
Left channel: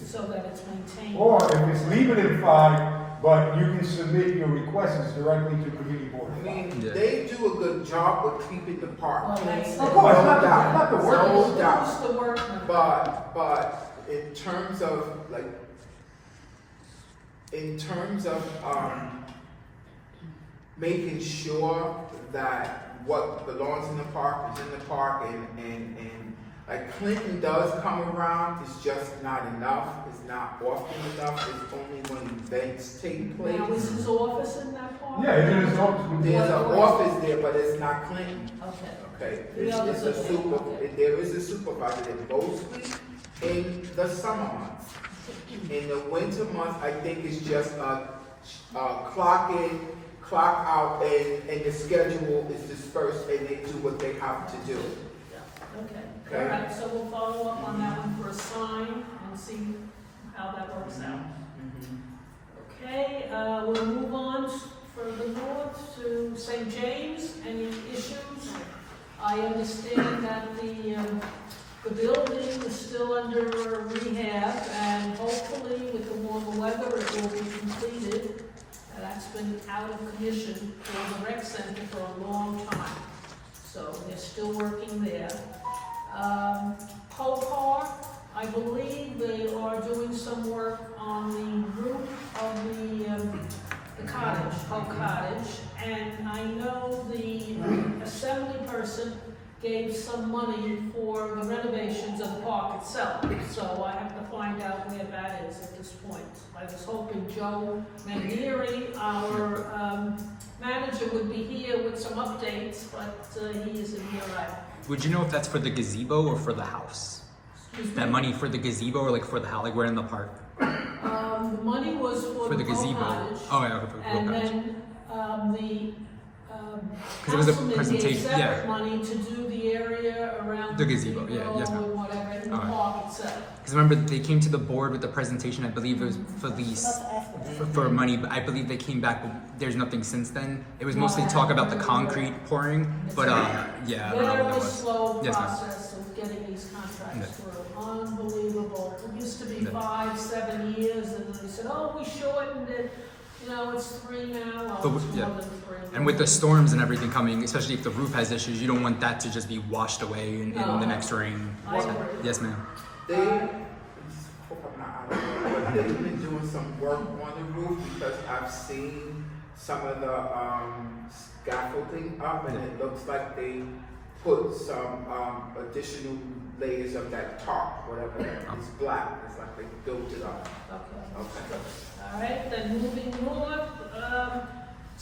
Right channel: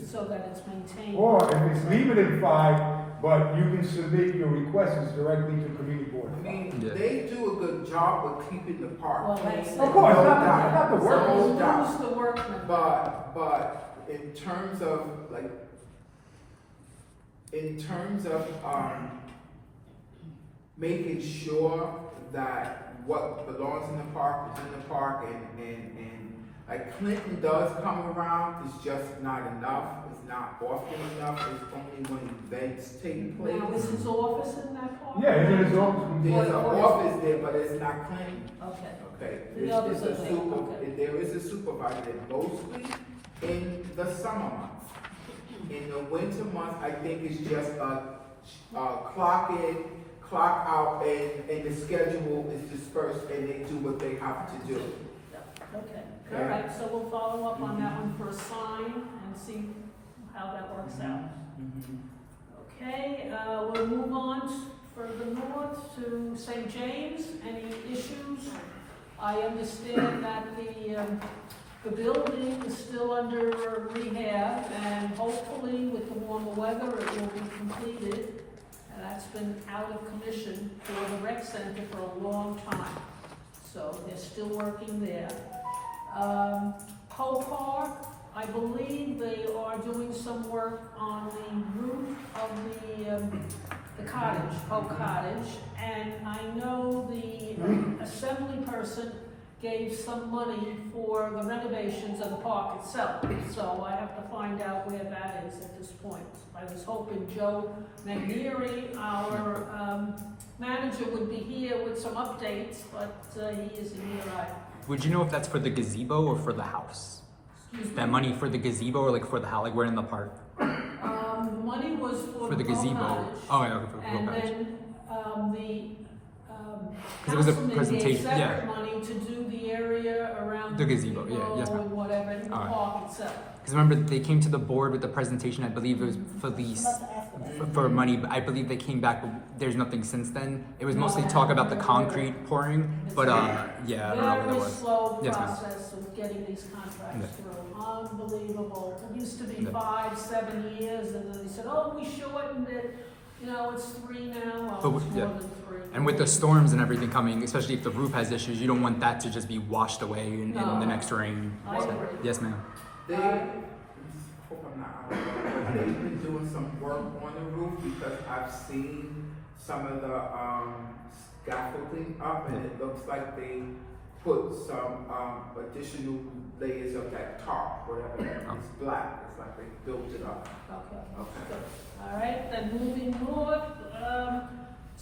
so that it's maintained. Or if it's leave it in 5, but you can submit your requests directly to Community Board. I mean, Yeah. they do a good job of keeping the park Well, clean. that's- Of course, No not doubt. the So work. No we'll doubt. lose the workman. But in terms of like, making sure that what belongs in the park is in the park, and like Clinton does come around, it's just not enough, it's not often enough, it's only when events take place. Now, is his office in that park? Yeah, it is office. There's an What- office there, but it's not Clinton. Okay. Okay, The it's others a are there, super, okay. there is a supervisor that mostly in the summer months. In the winter months, I think it's just clock in, clock out, and the schedule is dispersed and they do what they have to do. Okay, all right, so we'll follow up on that one for a sign and see how that works out. Okay, we'll move on further north to St. James. Any issues? I understand that the building is still under rehab, and hopefully with the warmer weather, it will be completed. That's been out of commission for the rec center for a long time, so they're still working there. Copar, I believe they are doing some work on the roof of the assembly person gave some money for the renovations of the park itself. So I have to find out where that is at this point. I was hoping Joe Manieri, our manager, would be here with some updates, but he isn't here either. Would you know if that's for the gazebo or for the house? Excuse me? That money for the gazebo or like for the house, like we're in the park? The money was For the Boat gazebo. Cottage. Oh, yeah, okay, for the And boat cottage. then, the, 'Cause it was a councilman gave presentation, separate yeah. money to do the area around The gazebo, yeah, yes, ma'am. and whatever, in the All right. park itself. Because remember, they came to the board with the presentation, I believe it was for I'm these, about to ask them. for money, but I believe they came back, but there's nothing since then. It was No, mostly I talk about the haven't. concrete pouring, but yeah, I don't know what that Very was. slow Yes, ma'am. process of getting these contracts Yeah. through, unbelievable. It used to be Yeah. 5-7 years, and then they said, oh, we shortened it, you know, it's 3 now, But oh, it's yeah. more than 3. And with the storms and everything coming, especially if the roof has issues, you don't want that to just be washed away in No. the next rain. I So, agree. yes, ma'am. They, hope I'm not out of order, but they've been doing some work on the roof because I've seen some of the scaffolding up and it looks like they put some additional layers of that tarp, whatever that is. It's black, it's like they built it up. Okay, Okay. good. All right, then moving north,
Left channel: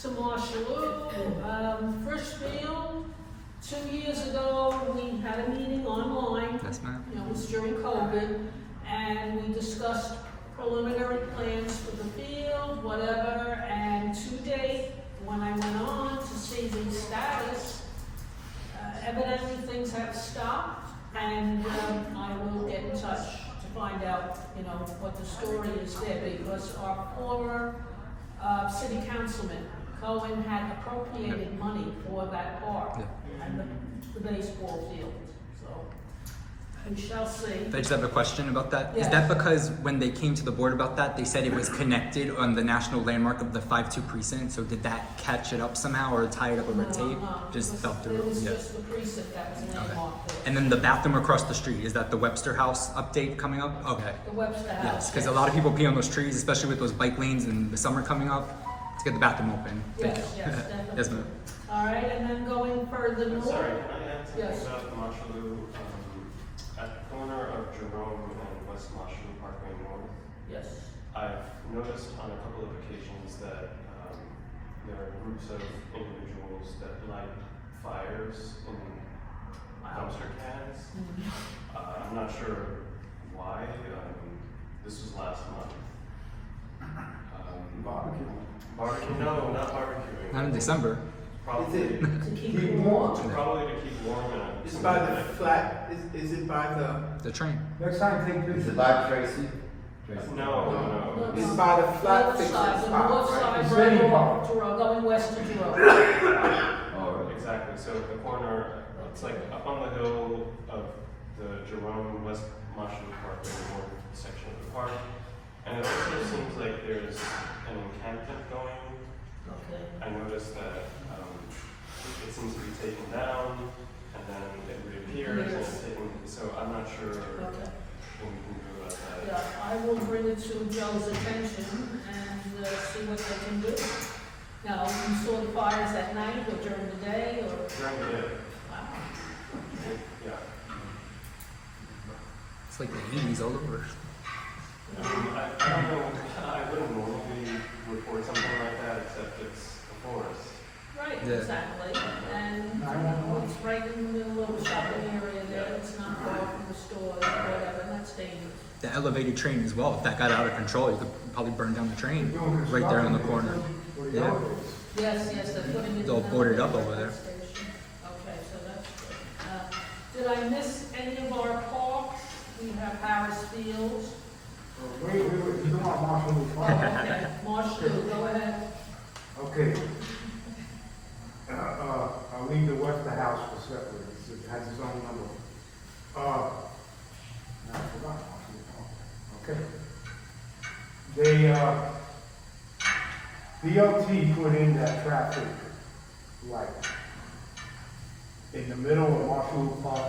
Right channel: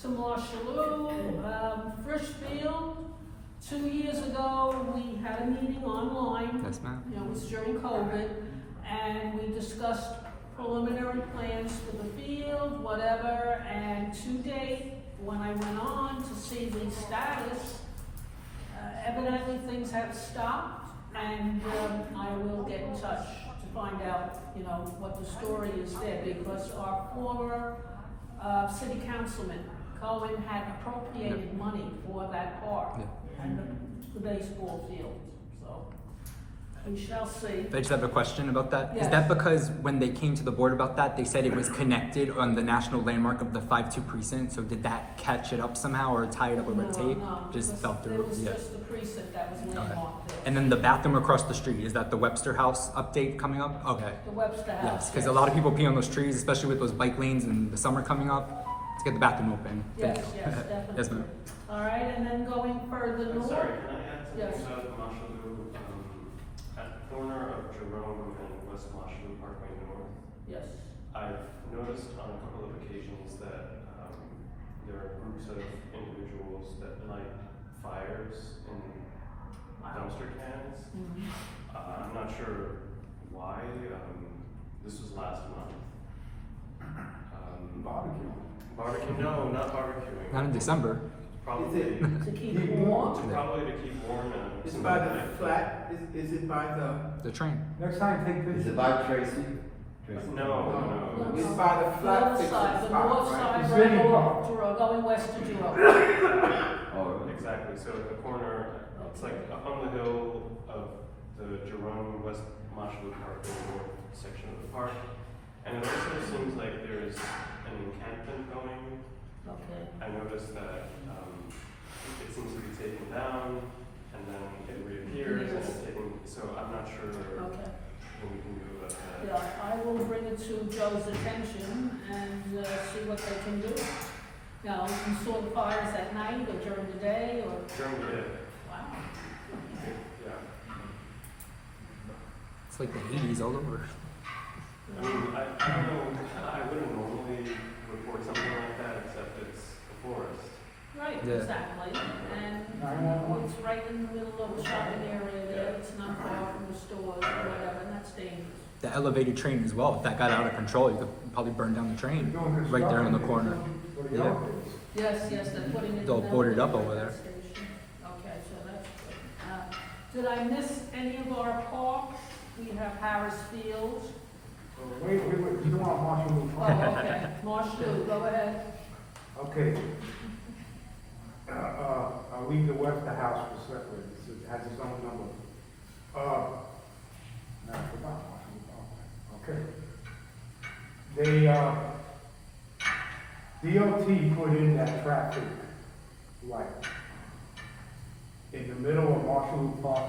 to Marshalloo, Frishfield. 2 years ago, we had a meeting online. Yes, ma'am. You know, it was during COVID, and we discussed preliminary plans for the field, whatever, and to date, when I went on to see the status, evidently things have stopped, and I will get in touch to find out, you know, what the story is there, because our former city councilman, Cohen, had appropriated money for that park and the baseball field, so we shall see. I just have a question about that. Is Yes. that because when they came to the board about that, they said it was connected on the national landmark of the 5-2 precinct? So did that catch it up somehow or tie it up with red tape? Just fell through? It was Yeah. just the precinct that was landmarked there. And then the bathroom across the street, is that the Webster House update coming up? Okay. The Webster House. Yes, because a lot of people pee on those trees, especially with those bike lanes and the summer coming up. Let's get the bathroom open. Thank Yes, you. yes, definitely. Yes, ma'am. All right, and then going further north. Sorry, can I add Yes. something about Marshalloo? At the corner of Jerome and West Marshalloo Parkway North, Yes. I've noticed on a couple of occasions that there are groups of individuals that light fires in dumpster cans. Mhm. I'm not sure why. This was last month. Barbecue. No, not barbecuing. Not in December. Probably, To keep warm. probably to keep warm and. It's by the flat, is it by The train. Next time, take Is pictures. it by Tracy? No. it's by the The flat other fixing side, the spot, north right? side, It's right in- off Jerome, going west to Jerome. Oh, Exactly, so the corner, it's like up on the hill of the Jerome West Marshalloo Parkway North section of the park. And it also seems like there's an encampment going. Okay. I noticed that it seems to be taken down and then it reappears and it's taken, so I'm not sure what Okay. we can do about that. Yeah, I will bring it to Joe's attention and see what they can do. Now, you saw the fires at night or during the day or? During the day, Wow. yeah. It's like the 80s all over. I mean, I don't know, I wouldn't normally report something like that except it's a forest. Right, Yeah. exactly. And, you know, it's right in the middle of a shopping area there. It's not far from the stores or whatever, and that's dangerous. The elevated train as well. If that got out of control, you could probably burn down the train right there on the corner. Yeah. Yes, yes, they're putting it. It's all in boarded the up over there. station. Okay, so that's good. Now, did I miss any of our parks? We have Harris Fields. Wait, you don't want Marshall. Oh, okay, Marshalloo, go ahead. Okay. I'll leave the Webster House for separate, it has its own number. I forgot. Okay. They, DOT put in that traffic light in the middle of Marshall Park,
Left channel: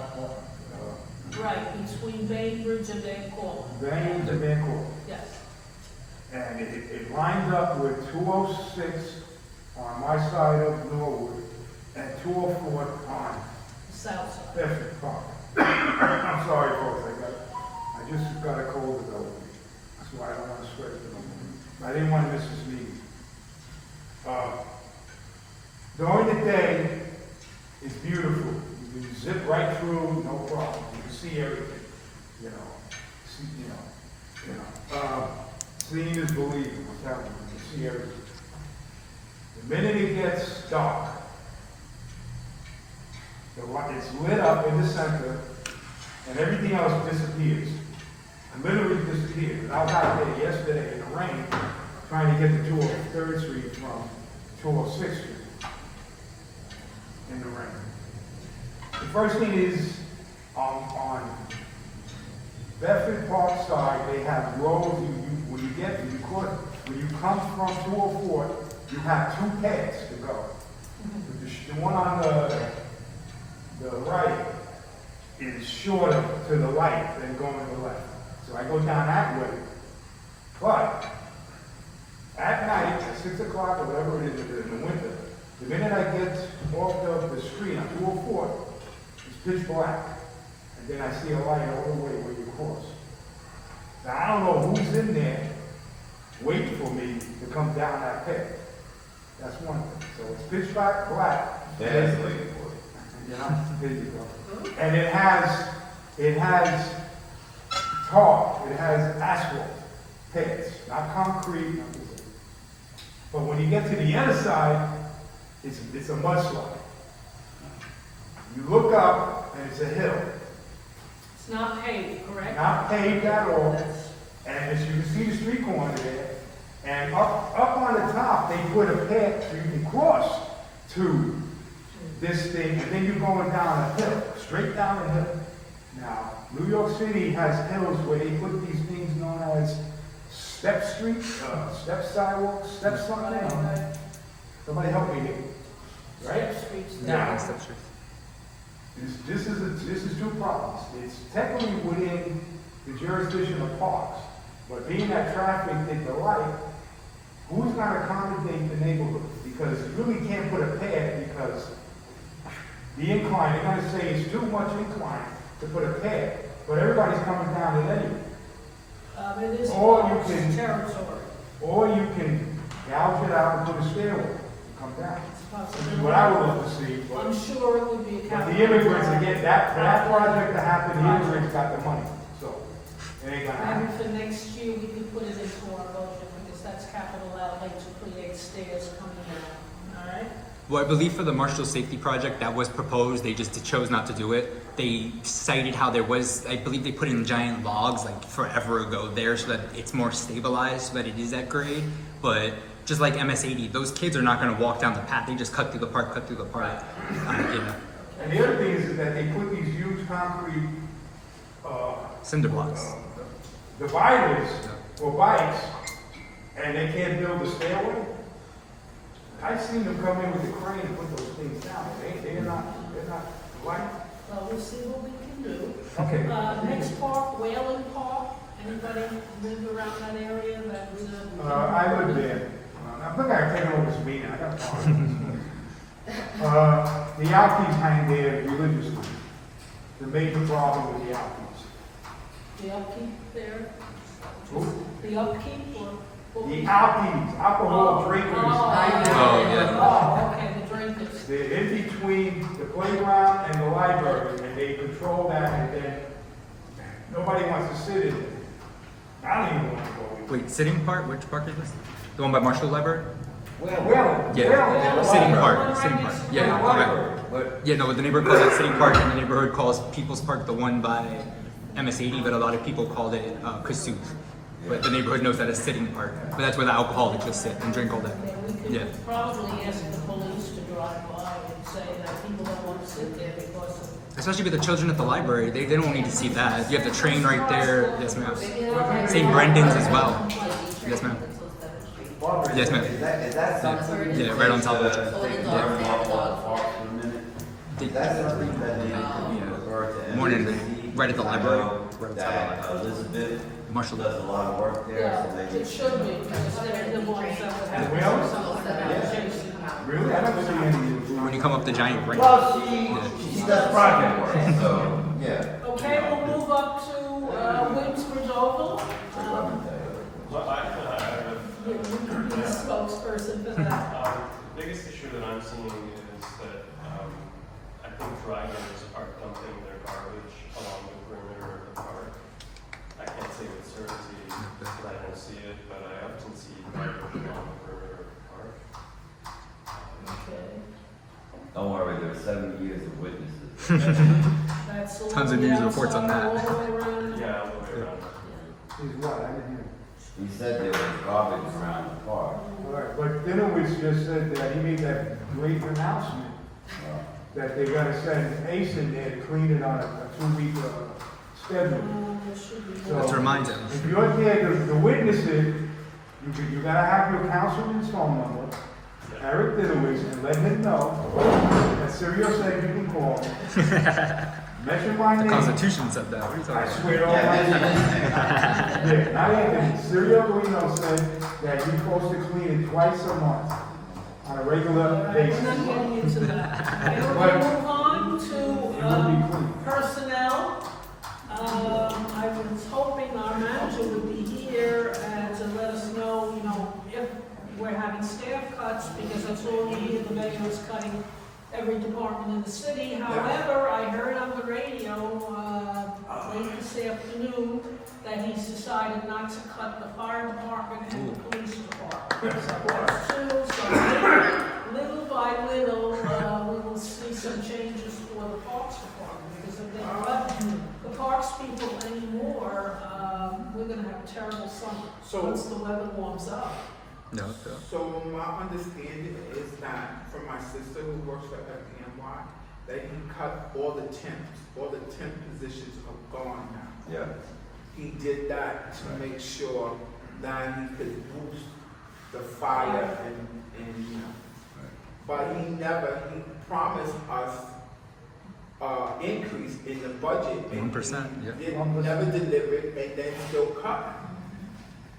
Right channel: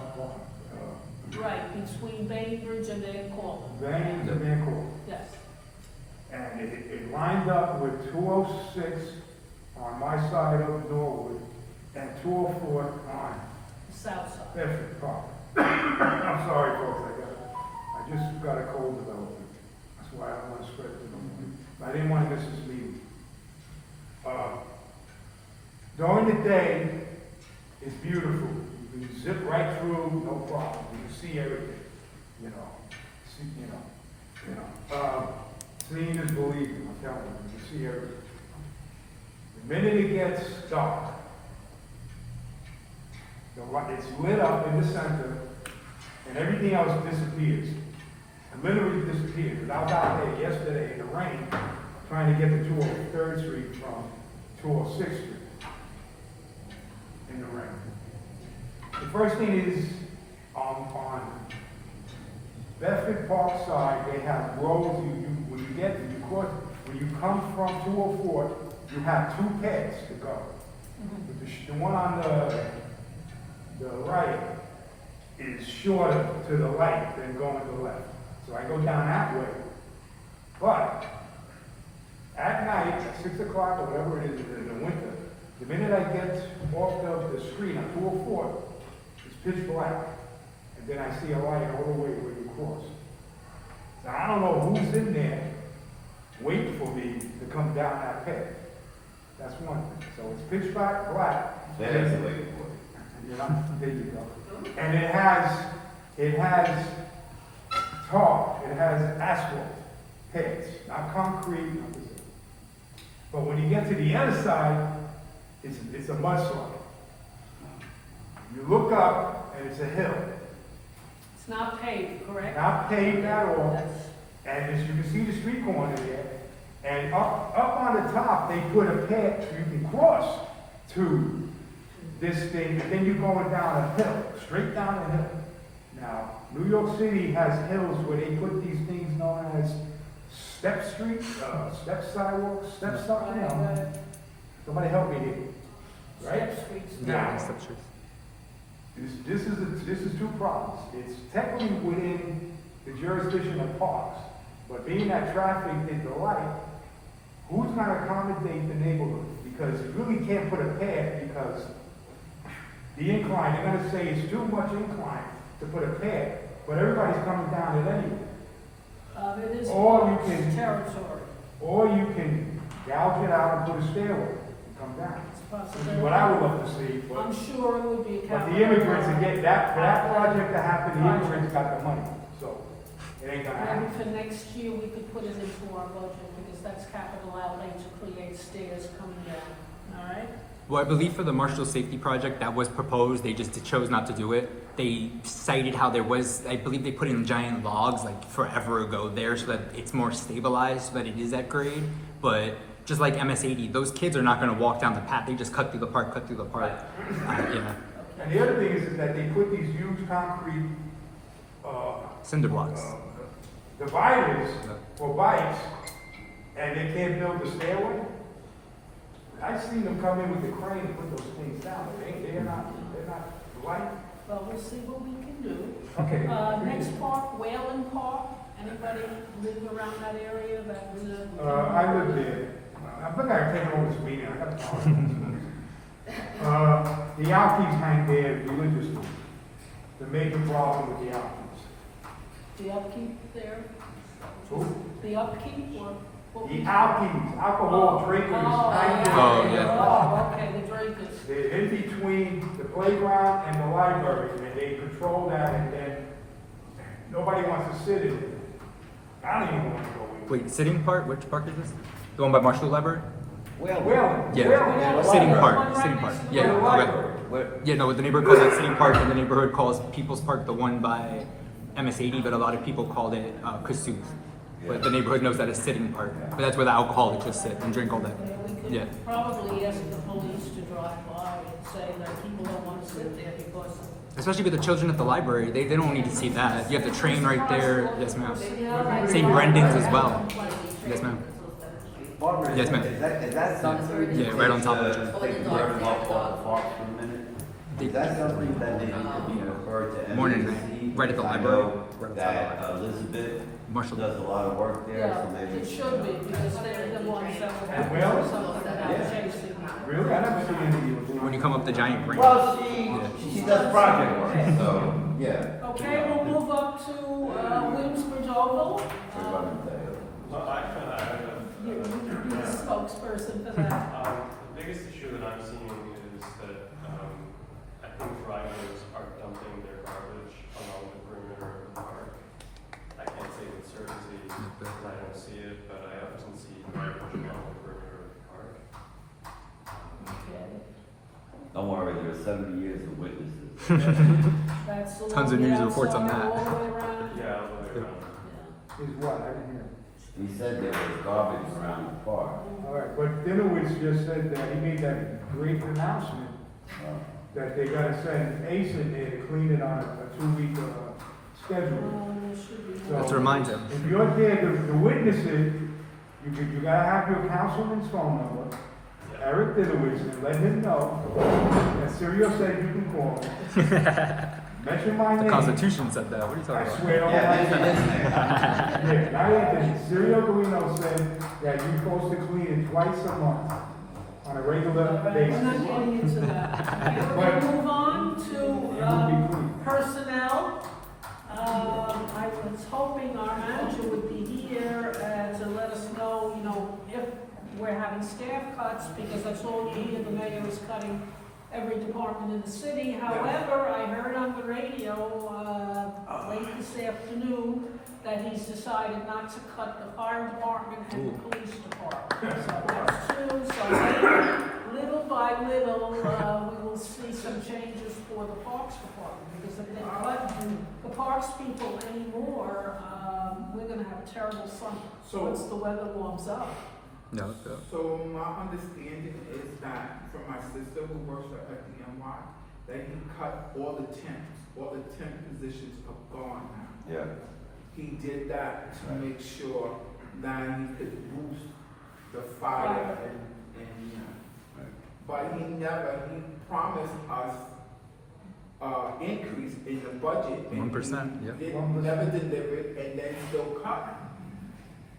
Right, between Bainbridge and Van Cortlandt. Van to Van Corp. Yes, And it lines up with 206 on my side of Norwood and 204 on South side. Bedford Park. I'm sorry, folks, I just got a cold developing. That's why I don't want to spread it no more. I didn't want to miss this meeting. During the day, it's beautiful. You can zip right through, no problem. You can see everything, you know. Seeing is believing, I'm telling you. You can see everything. The minute it gets dark, it's lit up in the center, and everything else disappears. It literally disappears. And I was out there yesterday in the rain, trying to get to 203rd Street from 206th Street in the rain. The first thing is, on Bedford Park side, they have roads, when you come from 204, you have two paths to go. The one on the right is shorter to the right than going to the left. So I go down that way. But at night, at 6 o'clock or whatever it is in the winter, the minute I get off of the street on 204, it's pitch black. And then I see a light all the way where you cross. Now I don't know who's in there waiting for me to come down that path. That's one thing. So it's pitch black. That's the way to put it. You know, there you go. And it has tar, it has asphalt pads, not concrete, nothing. But when you get to the other side, it's a mudslide. You look up and it's a hill. It's not paved, correct? Not paved at all. That's- And as you can see the street corner there, and up on the top, they put a path so you can cross to this thing, and then you're going down a hill, straight down a hill. Now, New York City has hills where they put these things known as step streets, step sidewalks, step something. Right. Somebody help me here. Right? Step streets. Yeah. Step Street. This is two problems. It's technically within the jurisdiction of parks, but being that traffic hit the light, who's going to accommodate the neighborhood? Because you really can't put a path because the incline, they're going to say it's too much incline to put a path, but everybody's coming down it anyway. It is Or you Bronx can- territory. Or you can gouge it out and put a stairway and come down. It's a Which is possibility. what I would love to see, I'm but sure it would be a but capital. the immigrants, again, for that project to happen, the immigrants got the money, so it ain't gonna Maybe happen. for next year, we could put it into our budget, because that's capital outlay to create stairs coming down, all right? Well, I believe for the Marshall Safety Project that was proposed, they just chose not to do it. They cited how there was, I believe they put in giant logs like forever ago there so that it's more stabilized, so that it is at grade. But just like MS-80, those kids are not going to walk down the path. They just cut through the park. You know, And the other thing is that they put these huge concrete, cinder blocks. dividers Yeah. for bikes, and they can't build a stairway. I've seen them come in with the crane and put those things down, they're not light. Well, we'll see what we can do. Okay. Next park, Whalen Park, anybody live around that area that was a? I live there. I think I've taken over this meeting, I got to the Alkies hang there religiously. The major problem with the Alkies. The upkeep there? Who? The upkeep or? The Alkies, alcohol drinkers. hang there. Oh, yeah. Oh, okay, the drinkers. They're in between the playground and the library, and they control that, and then nobody wants to sit in it. I don't even want to go in. Wait, sitting park? Which park is this? The one by Marshall Library? Well, Yeah, Sitting Park. Yeah, right. Yeah, no, the neighborhood calls it Sitting Park, and the neighborhood calls People's Park the one by MS-80, but a lot of people called it Kasuth. But the neighborhood knows that as Sitting Park, but that's where the alcoholics just sit and drink all day. Yeah, we Yeah. could probably ask the police to drive by and say that people don't want to sit there because of. Especially with the children at the library, they don't need to see that. You have the train right there. Yes, ma'am. St. Brendan's as well. Yes, ma'am. Yes, ma'am. Is that something? Yeah, right on top of the train. Yeah. Yeah. Morning and night. Right at the library. Right outside the library. Elizabeth Marshall. Does a lot of work there, Yeah, so maybe. it should be, because they're the ones that would have to do something about Jason. Really? I never see any of you. When you come up the giant ramp. Well, Yeah. she does project work, so, yeah. Okay, we'll move up to Williamsbridge Oval. Well, I have a You can be the spokesperson for that. The biggest issue that I'm seeing is that I think drivers are dumping their garbage along the perimeter of the park. I can't say with certainty because I don't see it, but I often see garbage along the perimeter of the park. Okay, Don't worry, there's 70 years of witnesses. that's the Tons one of news down reports on somewhere that. all the way around. Yeah, all the way around. Is what? I didn't hear. He said there was garbage around the park. Right, but Dinowitz just said that he made that great announcement, that they gotta send Ace in there to clean it on a 2-week schedule. There should be. So- Let's remind him. If you're there to witness it, you gotta have your councilman's phone number, Eric Dinowitz, and let him know that Sirio said you can call him. Mention my The name. Constitution said that. What are you I talking about? swear on that. Yeah, not Anthony. Sirio Guino said that you're supposed to clean it twice a month on a All regular right, we're basis. not getting into that. Okay, we're gonna move on to personnel. I was hoping our manager would be here to let us know, if we're having staff cuts, because that's all we hear, the mayor is cutting every department in the city. However, I heard on the radio, late this afternoon, that he's decided not to cut the fire department and the police department. So that's two, so maybe little by little, we will see some changes for the parks department, because if they cut the parks people anymore, we're gonna have a terrible summer, So- once the weather warms up. No, So my understanding is that from my sister who works for FDNY, that he cut all the temp positions are gone now. Yeah. He did that to make sure that he could boost the fire and but he promised us increase in the budget. and 1%, yeah. he didn't- Never delivered and then still cut.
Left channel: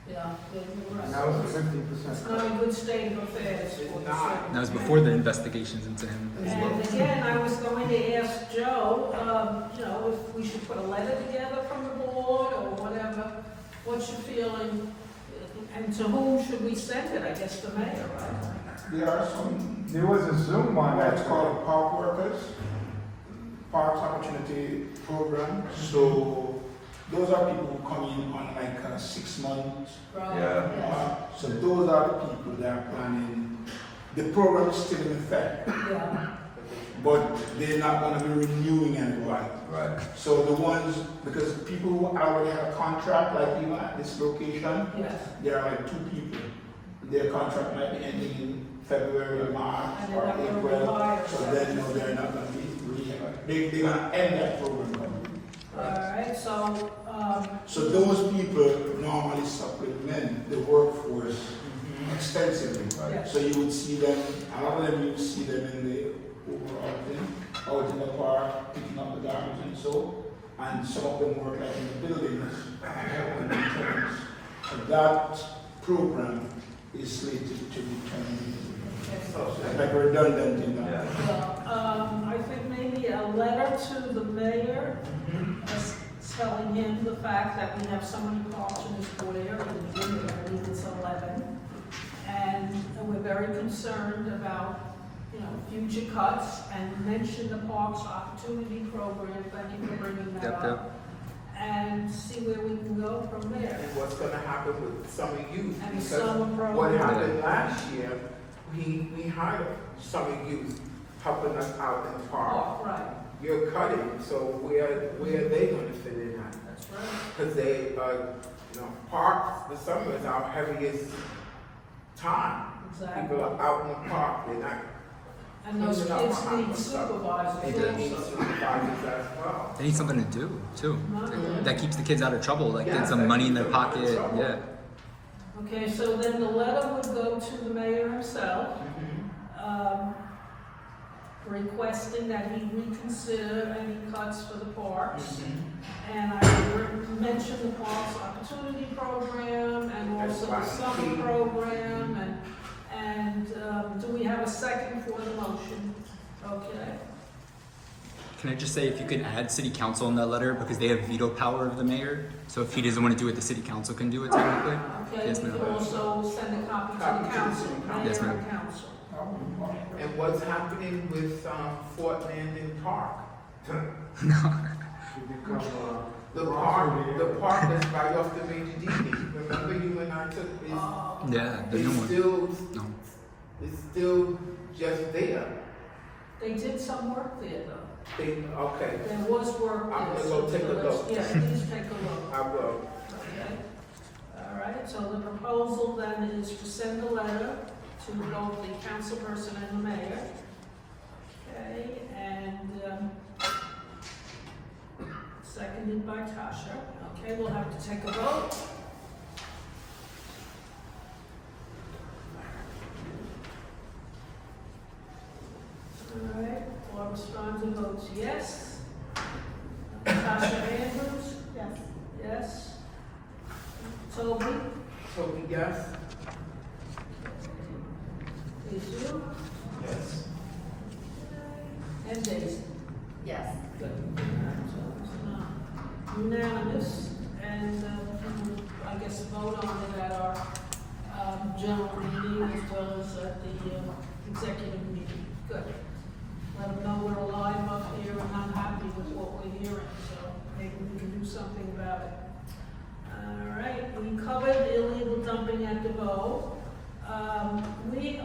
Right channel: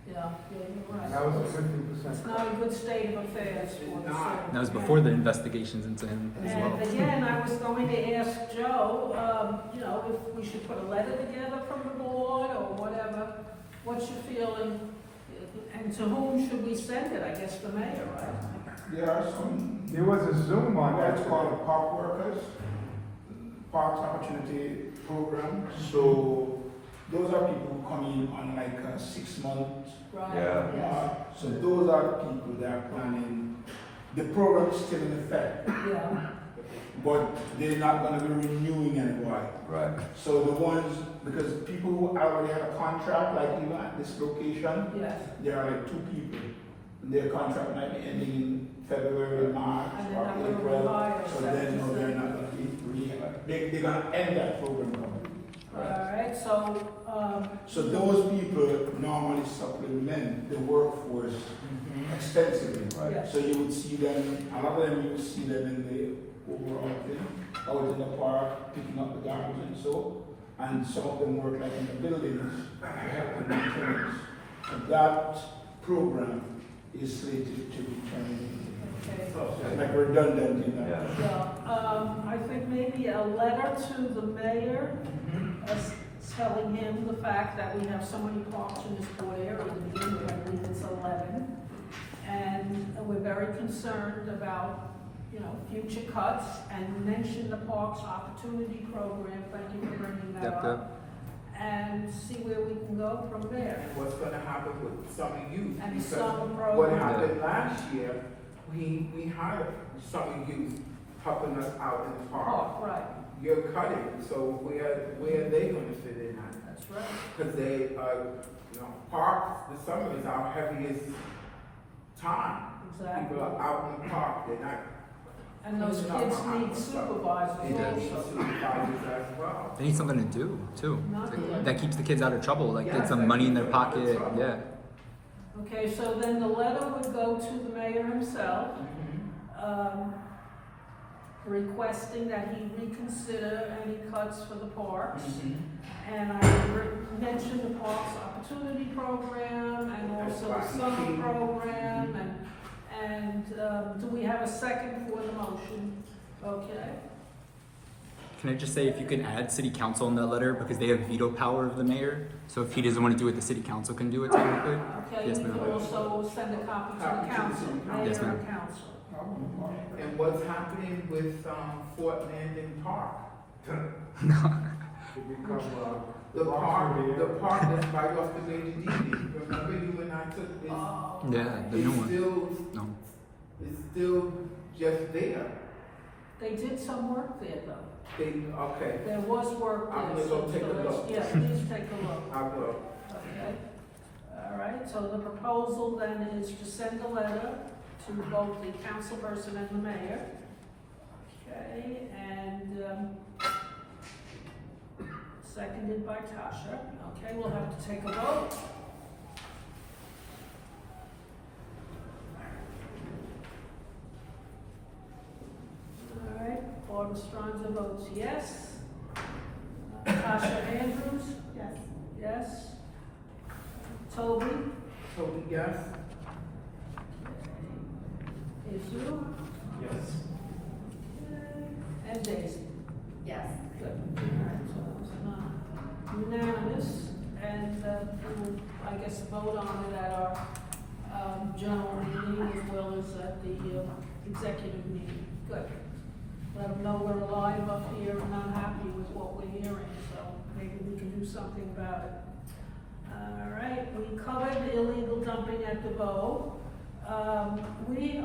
Yeah, you're That right. was a 50%. It's not a good state of affairs for the It's not. city. That was before the investigations into him as well. And again, I was going to ask Joe, if we should put a letter together from the board or whatever. What's your feeling? And to whom should we send it? I guess the mayor, right? There are some, There was a Zoom on that. what's called park workers, Parks Opportunity Program. So those are people who come in on like 6 months. Right. Yeah. Yes. So those are the people that are planning. The program is still in effect, Yeah, but they're not going to be renewing anybody. Right. So the ones, because people who already have a contract, like even at this location, yes. there are like 2 people. Their contract might be ending in February, March, And they're or not gonna April. retire. So then, they're not gonna be, they're gonna end that program. All right, so, So those people normally supplement the workforce extensively. Yeah. So you would see them, a lot of them, you would see them in the overall thing, out in the park, picking up the garbage and so. And some of them work like in the buildings, helping maintenance. And that program is slated to be turned into like a redundant thing. I think maybe a letter to the mayor, telling him the fact that we have so many parks in this area, I believe it's 11. And we're very concerned about, future cuts, and mention the Parks Opportunity Program. Thank you for bringing that Yep, up. And see where we can go from there. And what's gonna happen with summer youth? And the Because summer what program. happened last year, we hired summer youth helping us out in the park. Oh, right, You're cutting, so where are they gonna fit in at? that's right. Because they, parks, the summer is our heaviest time. Exactly. People are out in the park, they're not. And those cleaning up kids behind need themselves. supervisors They need also. supervisors as well. They need something to do too. Not That keeps the kids out of trouble. Like Yeah, gets some that money in keeps their them out of pocket. trouble. Yeah. Okay, so then the letter would go to the mayor himself. requesting that he reconsider any cuts for the parks. Mm-hmm. And I mentioned the Parks Opportunity Program and also the summer program, and do we have a second for the motion? Okay. Can I just say if you can add city council in that letter because they have veto power of the mayor. So if he doesn't want to do it, the city council can do it technically. Okay, Yes, we ma'am. can also send a copy to the council, mayor Yes, ma'am. and council. And what's happening with, Fort Landon Park? To become, The park that's right off the major DD. Remember you and I took, Yeah, the new one. No. It's still just there. They did some work there though. Okay, There was work I'm there. gonna go so take a let's- look. Yeah, please take a look. I will. Okay. All right, so the proposal then is to send a letter to both the councilperson and the mayor. Okay, and, seconded by Tasha. Okay, we'll have to take a vote. All right, Barbara Sponza votes yes. Tasha Andrews? Yes. Yes. Toby? Toby, yes? Jesus? Yes. And Daisy? Yes. Good. All right, so it's unanimous, and we will, I guess, vote on it at our general meeting as well as at the executive meeting. Good. Let them know we're alive up here and unhappy with what we're hearing, so maybe we can do something about it. All right, we covered illegal dumping at DeVoe.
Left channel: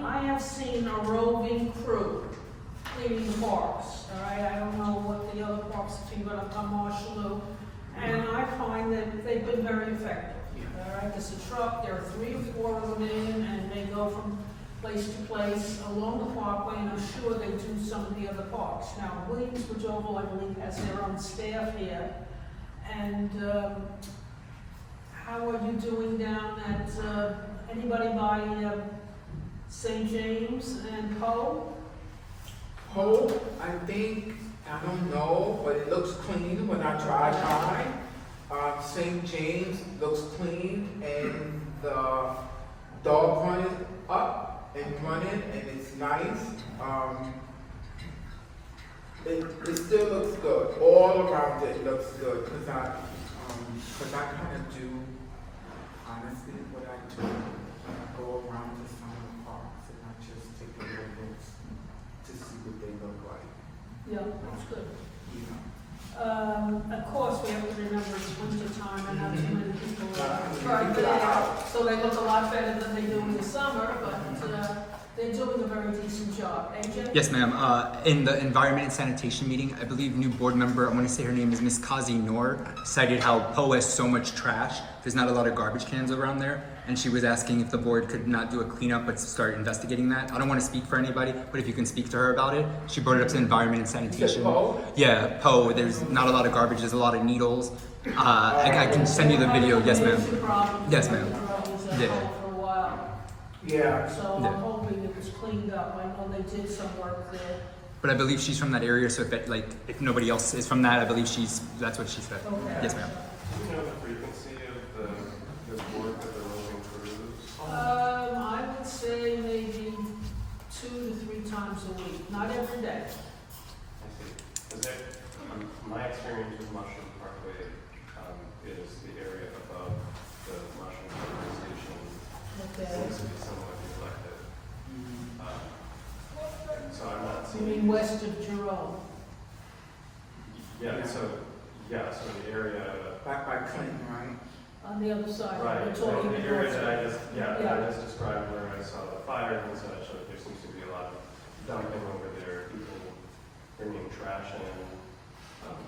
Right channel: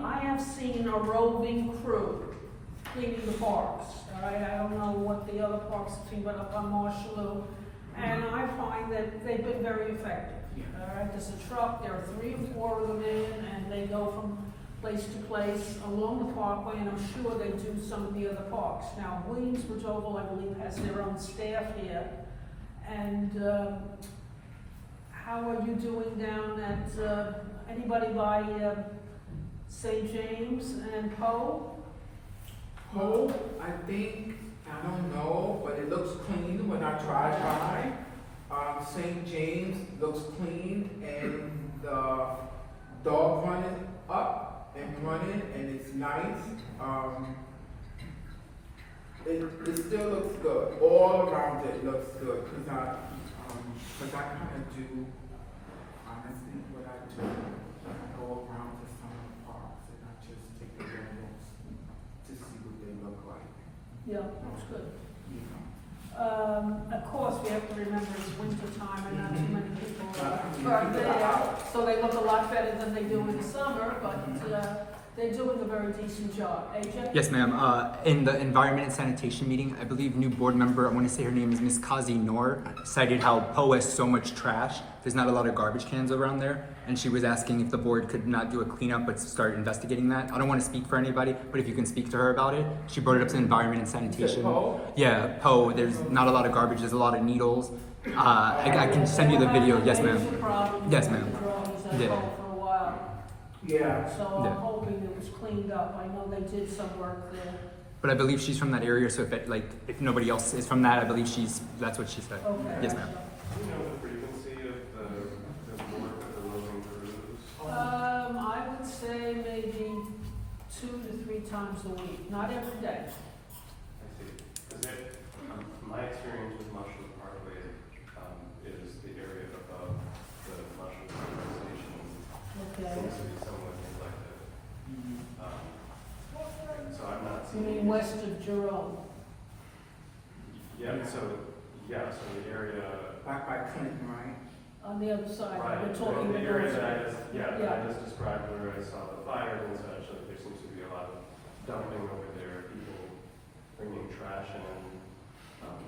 I have seen a roving crew cleaning the parks, all right? I don't know what the other parks have seen, but up on Marshalloo, and I find that they've been very effective. All right, there's a truck, there are 3 or 4 of them in, and they go from place to place along the parkway, and I'm sure they do some of the other parks. Now, Williamsbridge Oval, I believe, has their own staff here, and how are you doing down at, anybody by St. James and Poe? I think, I don't know, but it looks clean when I drive by. St. James looks clean, and the dog running up and running, and it's nice. It still looks good. All around it looks good, cause I kind of do, honestly, what I do. I go around to some of the parks and I just take a little looks to see what they look like. Yeah, that's good. You know. Of course, we have to remember it's winter time and not too many people Mhm. are there, so they look a lot better than they do in the summer, but they're doing a very decent job. AJ? Yes, ma'am. In the environment and sanitation meeting, I believe new board member, I want to say her name is Miss Kazi Noor, cited how Poe has so much trash. There's not a lot of garbage cans around there, and she was asking if the board could not do a cleanup but start investigating that. I don't want to speak for anybody, but if you can speak to her about it. She brought it up to environment and sanitation. Poe? Yeah, Poe. There's not a lot of garbage. There's a lot of needles. I can send you the video. Yes, ma'am. Yes, ma'am. Yeah. For a while. Yeah. So Yeah. I'm hoping it was cleaned up. I know they did some work there. But I believe she's from that area, so if nobody else is from that, I believe that's what she said. Okay. Yes, ma'am. Do you know the frequency of the work that they're moving crews? I would say maybe 2 to 3 times a week, not every day. I see. Is it, my experience with Mushroom Parkway, is the area above the Mushroom Parkway station Okay. seems to be somewhat neglected. So I'm not You seeing. mean west of Jerome? Yeah, so the area, Back by Clinton, right? On the other side, right, we're talking the area about. that I just, that Yeah. I just described where I saw the fires and such, there seems to be a lot of dumping over there, people bringing trash in.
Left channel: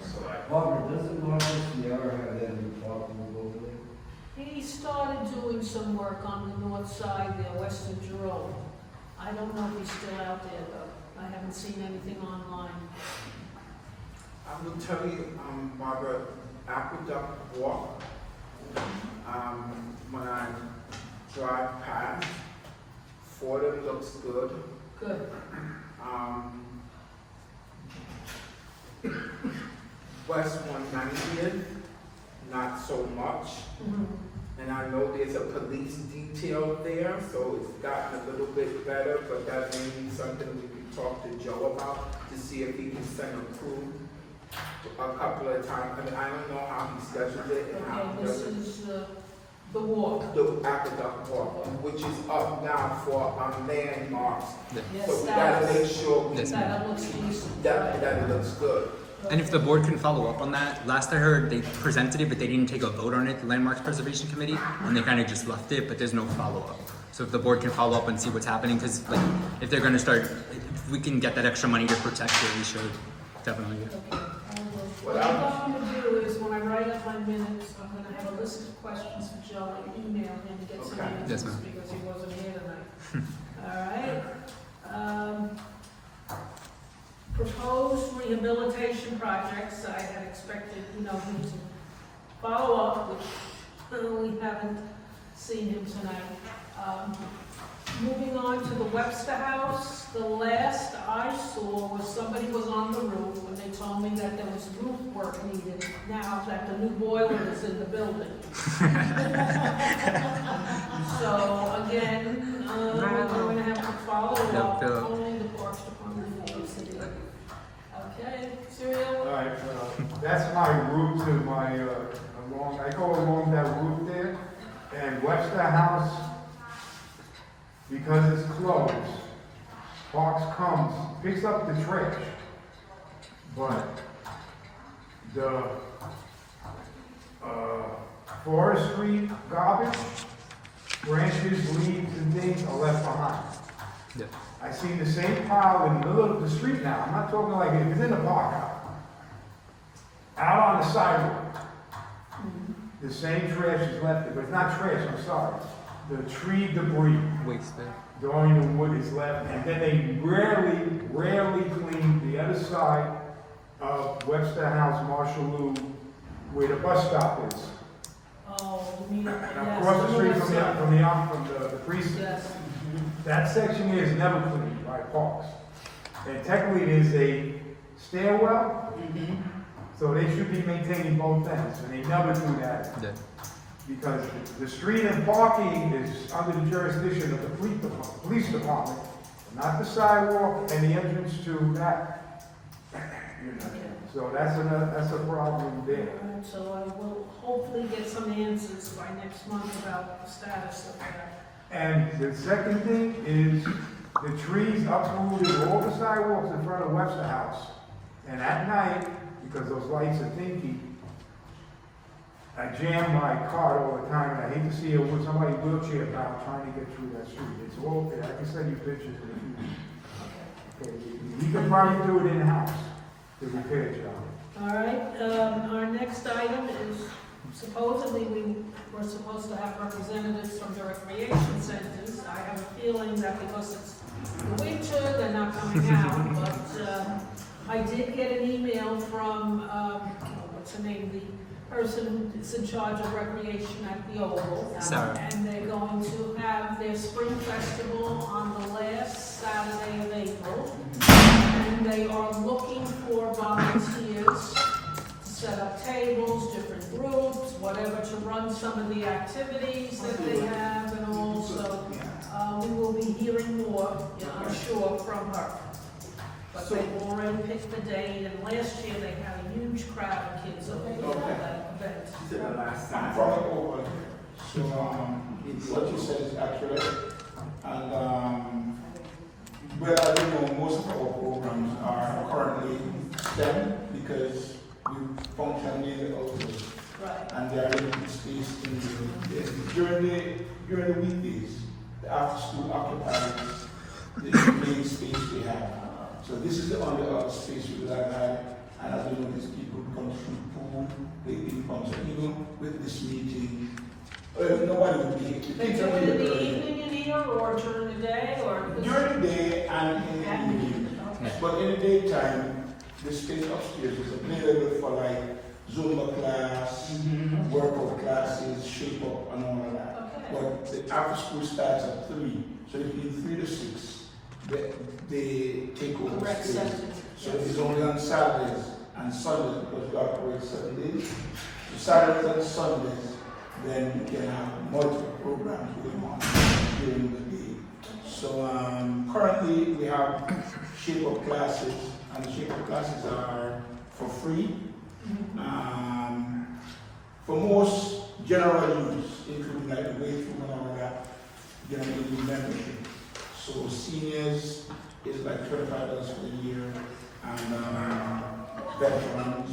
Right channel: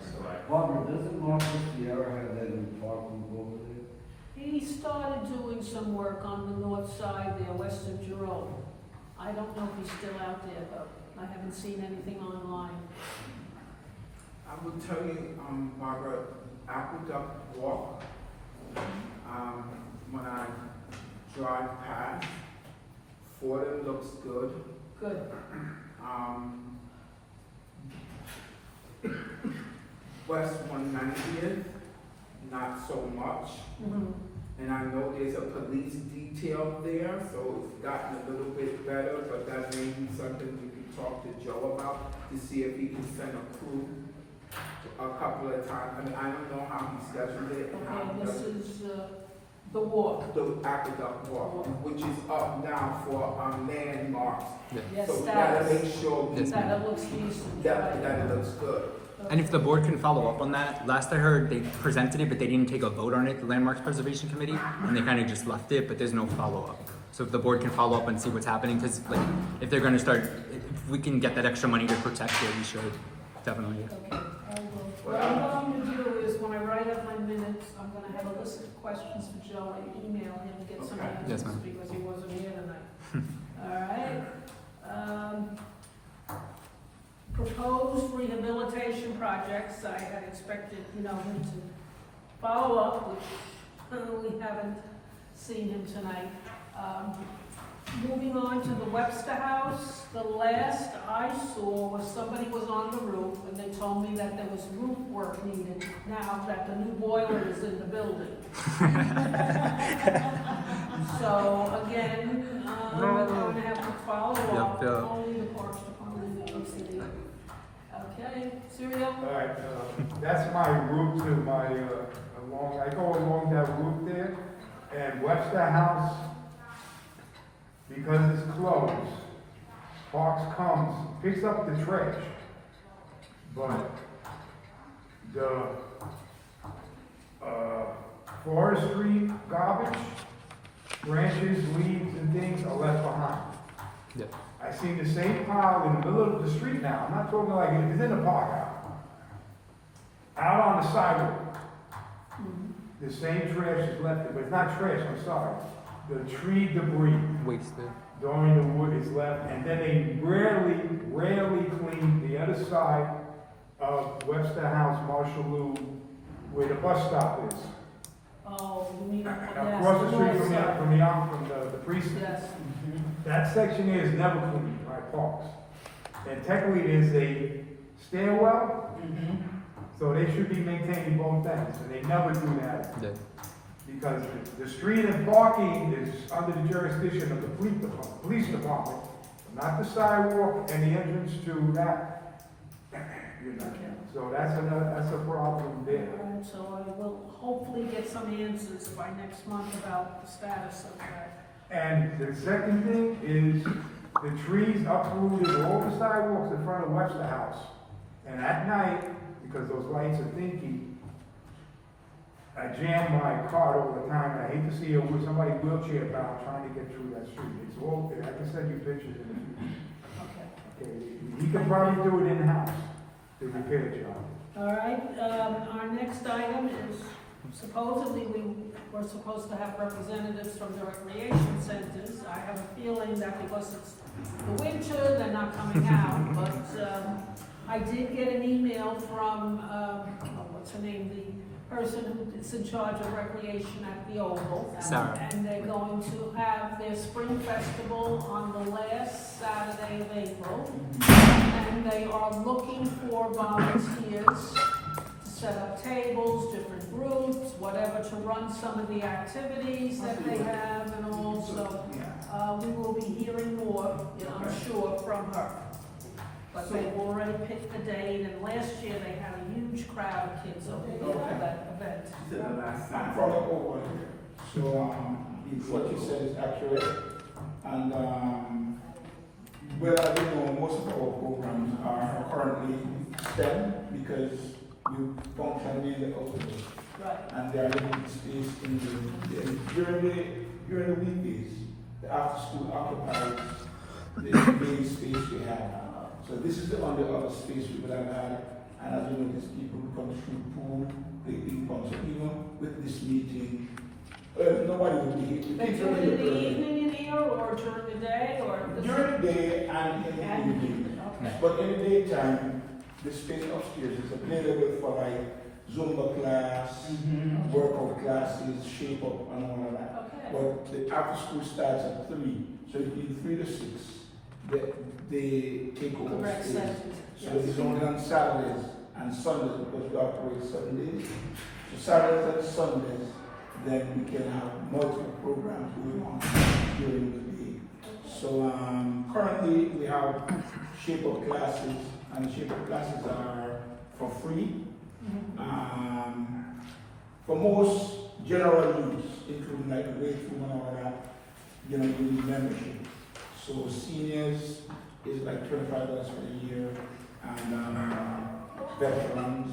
So Barbara, doesn't Marcus Sierra have that in the parking over there? He started doing some work on the north side there, west of Jerome. I don't know if he's still out there though. I haven't seen anything online. I will tell you, Barbara, Aqueduct Walk, when I drive past, Fordham looks good. Good. West 190th, not so much. Mhm. And I know there's a police detail there, so it's gotten a little bit better, but that may be something we can talk to Joe about to see if he can send a crew a couple of times. I mean, I don't know how he scheduled it and how Okay, he this does it. is, the walk. The aqueduct walk, which is up now for landmarks. Yes, So we gotta make sure Yes, that it looks decent, that, right. that looks good. And if the board can follow up on that, last I heard, they presented it, but they didn't take a vote on it, the Landmarks Preservation Committee, and they kind of just left it, but there's no follow-up. So if the board can follow up and see what's happening, because like, if they're gonna start, if we can get that extra money to protect it, we should, definitely. Okay, I will. What I'm going to do is, when I write up my minutes, I'm gonna have a list of questions for Joe and email him to get some Okay. Yes, answers, ma'am. because he wasn't here tonight. All right? Proposed rehabilitation projects, I had expected, him to follow up, which we haven't seen him tonight. Moving on to the Webster House, the last I saw was somebody was on the roof, and they told me that there was roof work needed now that the new boiler is in the building. So, again, we're going to have to follow up, Yep. only the Parks Department in the city. Okay, Serial? All right, that's my route to my, I go along that route there, and Webster House, because it's closed, Parks comes, picks up the trash, but the, forestry garbage, branches, leaves, and things are left behind. Yep. I see the same pile in the middle of the street now. I'm not talking like it was in the park out on the sidewalk. The same trash is left there, but it's not trash, I'm sorry. The tree debris, Wasted. during the wood is left, and then they rarely clean the other side of Webster House, Marshall Loop, where the bus stop is. Oh, you mean, yes, Across the street north side. from the precinct. Yes, That section here is never cleaned by Parks. And technically, there's a stairwell, so they should be maintaining both ends, and they never do that. Yeah. Because the street and parking is under the jurisdiction of the police department, not the sidewalk and the entrance to that. So that's a problem there. so I will hopefully get some answers by next month about the status of that. And the second thing is, the trees uprooted all the sidewalks in front of Webster House. And at night, because those lights are dinky, I jam my car all the time, and I hate to see somebody wheelchair bound trying to get through that street. It's all, I can send you pictures in the future. Okay, he can probably do it in-house, the repair job. All right, our next item is supposedly we're supposed to have representatives from the recreation centers. I have a feeling that because it's the winter, they're not coming out, but I did get an email from, what's her name, the person that's in charge of recreation at the Oval. Sarah. And they're going to have their spring festival on the last Saturday of April. And they are looking for volunteers to set up tables, different groups, whatever, to run some of the activities that they have and also, we will be hearing more, I'm sure, from her. But they've already picked the date, and last year they had a huge crowd of kids over there for that event. To the last I'm time. from over, so, what you said is accurate, and, well, I don't know, most of our programs are currently STEM, because we function near the outdoors, Right. and there are limited space in during the weekdays, the after-school occupies the main space we have. So this is the only other space we will have had, and as you notice, people come through pool, they come, so even with this meeting, nobody will be here. They do it in the evening in here, or during the day, or? During the day and in the evening. Okay. But in the daytime, the space upstairs is available for like Zumba class, workout classes, shape up and all of that. Okay. But the after school starts at 3, so between 3 to 6, they take over Correct space. sentence. So it's only on Saturdays and Sundays, because we operate 7 days. So Saturdays and Sundays, then we can have multiple programs going on during the day. So currently we have shape-up classes, and the shape-up classes are for free. For most general use, including like the weight room and all that, you need membership. So seniors is like $25 for the year, and veterans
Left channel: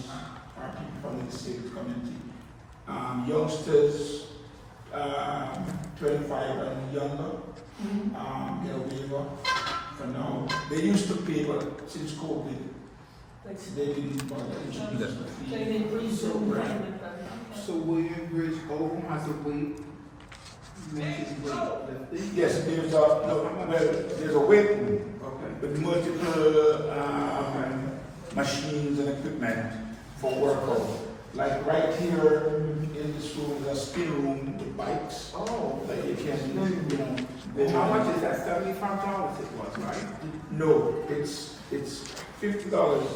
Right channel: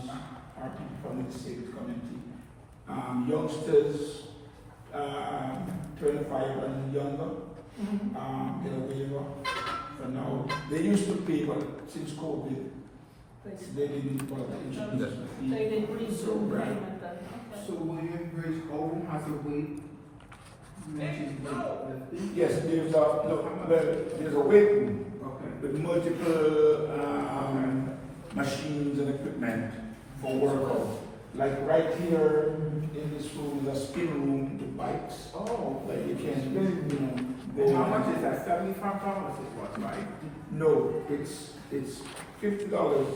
are people from the state community. Youngsters, 25 and younger, get a waiver for now. They used to pay, but since COVID, they didn't bother introduce the fee. They didn't resume Right. payment then, okay. So William Bridge Oval has a weight, lifting? Yes, there's a weight room Okay. with multiple machines and equipment for workout. Like right here in this room is a spin room with bikes Oh, that you can, go. how much is that? $75 it was, right? No, it's $50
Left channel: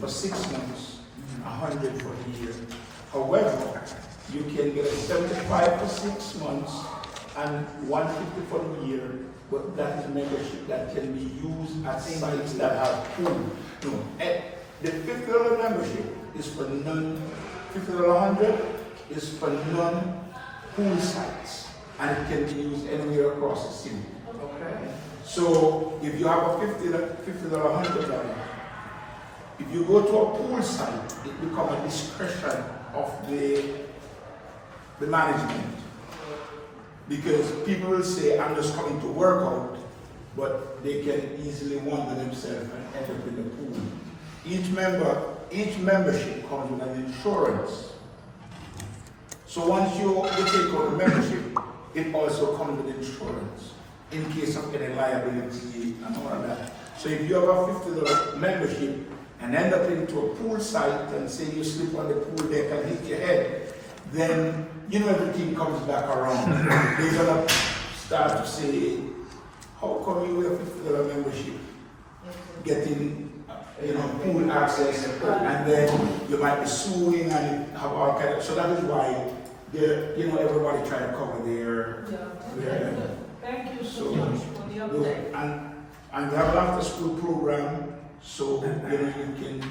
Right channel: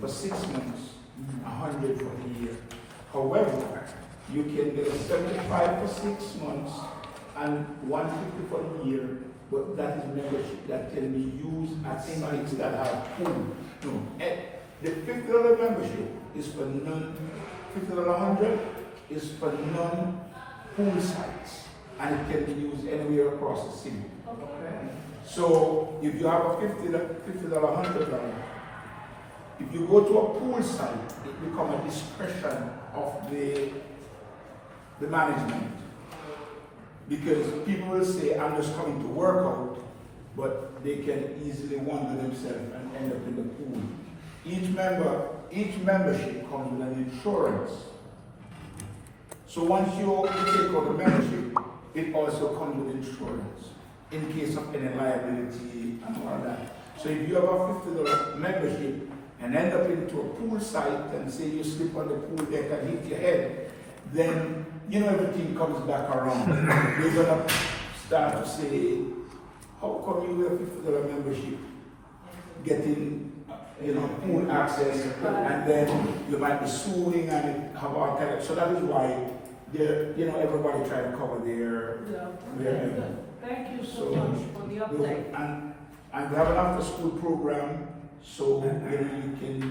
for 6 months, $100 for a year. However, you can get a 75 for 6 months and $150 for a year, but that is membership that can be used at sites that have pool. No, the $50 membership is for $50 $100 is for non-pool sites, and it can be used anywhere across the city. Okay. So if you have a $50 $100, if you go to a pool site, it becomes a discretion of the management. Because people will say, I'm just coming to work out, but they can easily wander themselves and end up in the pool. Each membership comes with an insurance. So once you take out the membership, it also comes with insurance in case of any liability and all of that. So if you have a $50 membership and end up into a pool site and say you slip on the pool deck and hit your head, then everything comes back around. They're gonna start to say, how come you with a $50 membership getting pool access, and then you might be suing and have all kind of, so that is why everybody trying to cover their Yeah, okay, good. Thank you so much for the update. and we have an after school program, so you can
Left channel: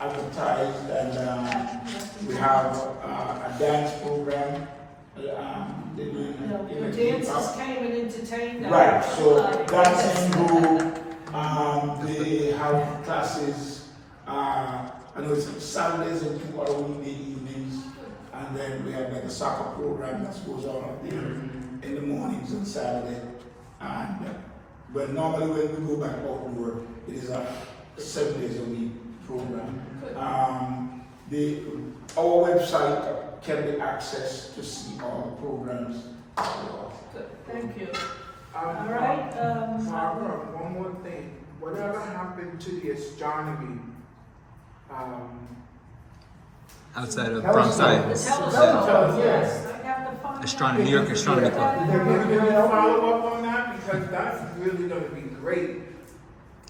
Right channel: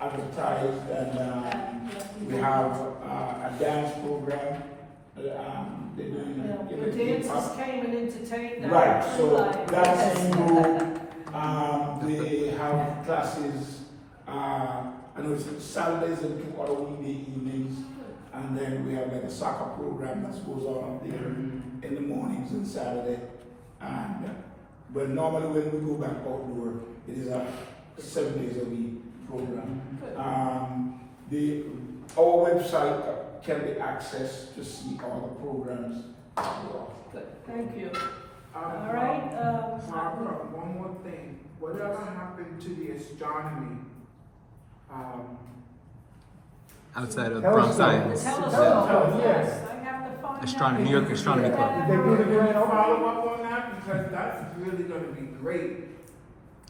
advertise, and we have a dance program. They're doing The dancers came and entertained them. right, so dancing group. They have classes, I know it's Saturdays and 2 other weekday evenings, and then we have like a soccer program that goes on there in the mornings on Saturday. But normally when we go back outdoor, it is a 7 days a week program. Our website can be accessed to see all the programs. Good, thank you. All right, Barbara, one more thing. Whatever happened to the astronomy? Outside of Bronx the Science. telescope, yes, I have to find Astronomy, out. New York Astronomy Club. Follow up on that, because that's really gonna be great.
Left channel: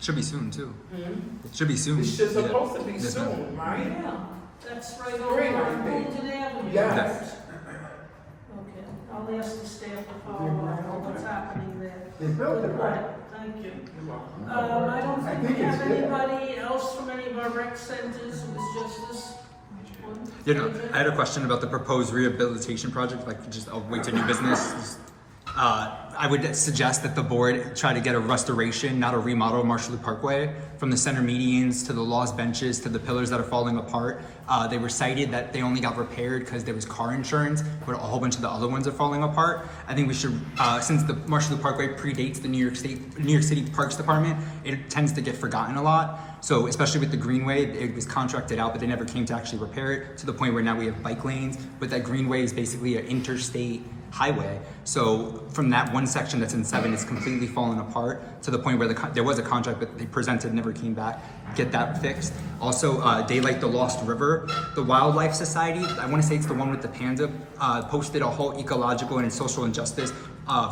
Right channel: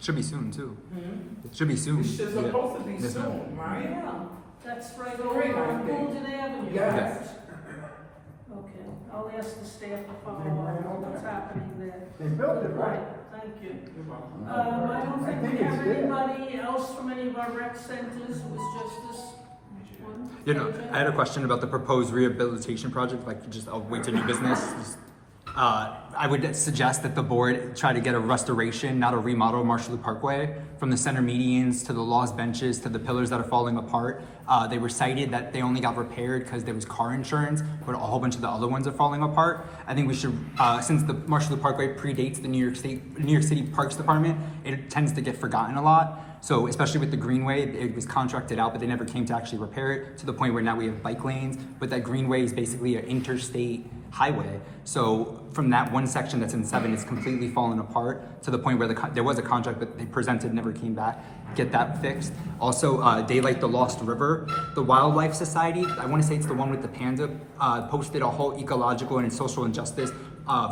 Should be soon too. It should be soon. It's just Yeah. supposed to be Yes, ma'am. soon, right? Yeah, that's right Great, over I on think. Bolton Avenue. Yes. Okay, I'll ask the staff to follow up on what's happening there. They built it, Good, right? thank you. I don't think we have anybody else from any of our rec centers, it was just this one. I had a question about the proposed rehabilitation project, like just I'll wait to new business. I would suggest that the board try to get a restoration, not a remodel of Marshall Loop Parkway, from the center medians to the lost benches to the pillars that are falling apart. They were cited that they only got repaired because there was car insurance, but a whole bunch of the other ones are falling apart. I think we should, since the Marshall Loop Parkway predates the New York City Parks Department, it tends to get forgotten a lot. So especially with the Greenway, it was contracted out, but they never came to actually repair it, to the point where now we have bike lanes, but that Greenway is basically an interstate highway. So from that one section that's in 7, it's completely fallen apart, to the point where there was a contract that they presented, never came back. Get that fixed. Also, Daylight the Lost River, the Wildlife Society, I want to say it's the one with the panda, posted a whole ecological and social injustice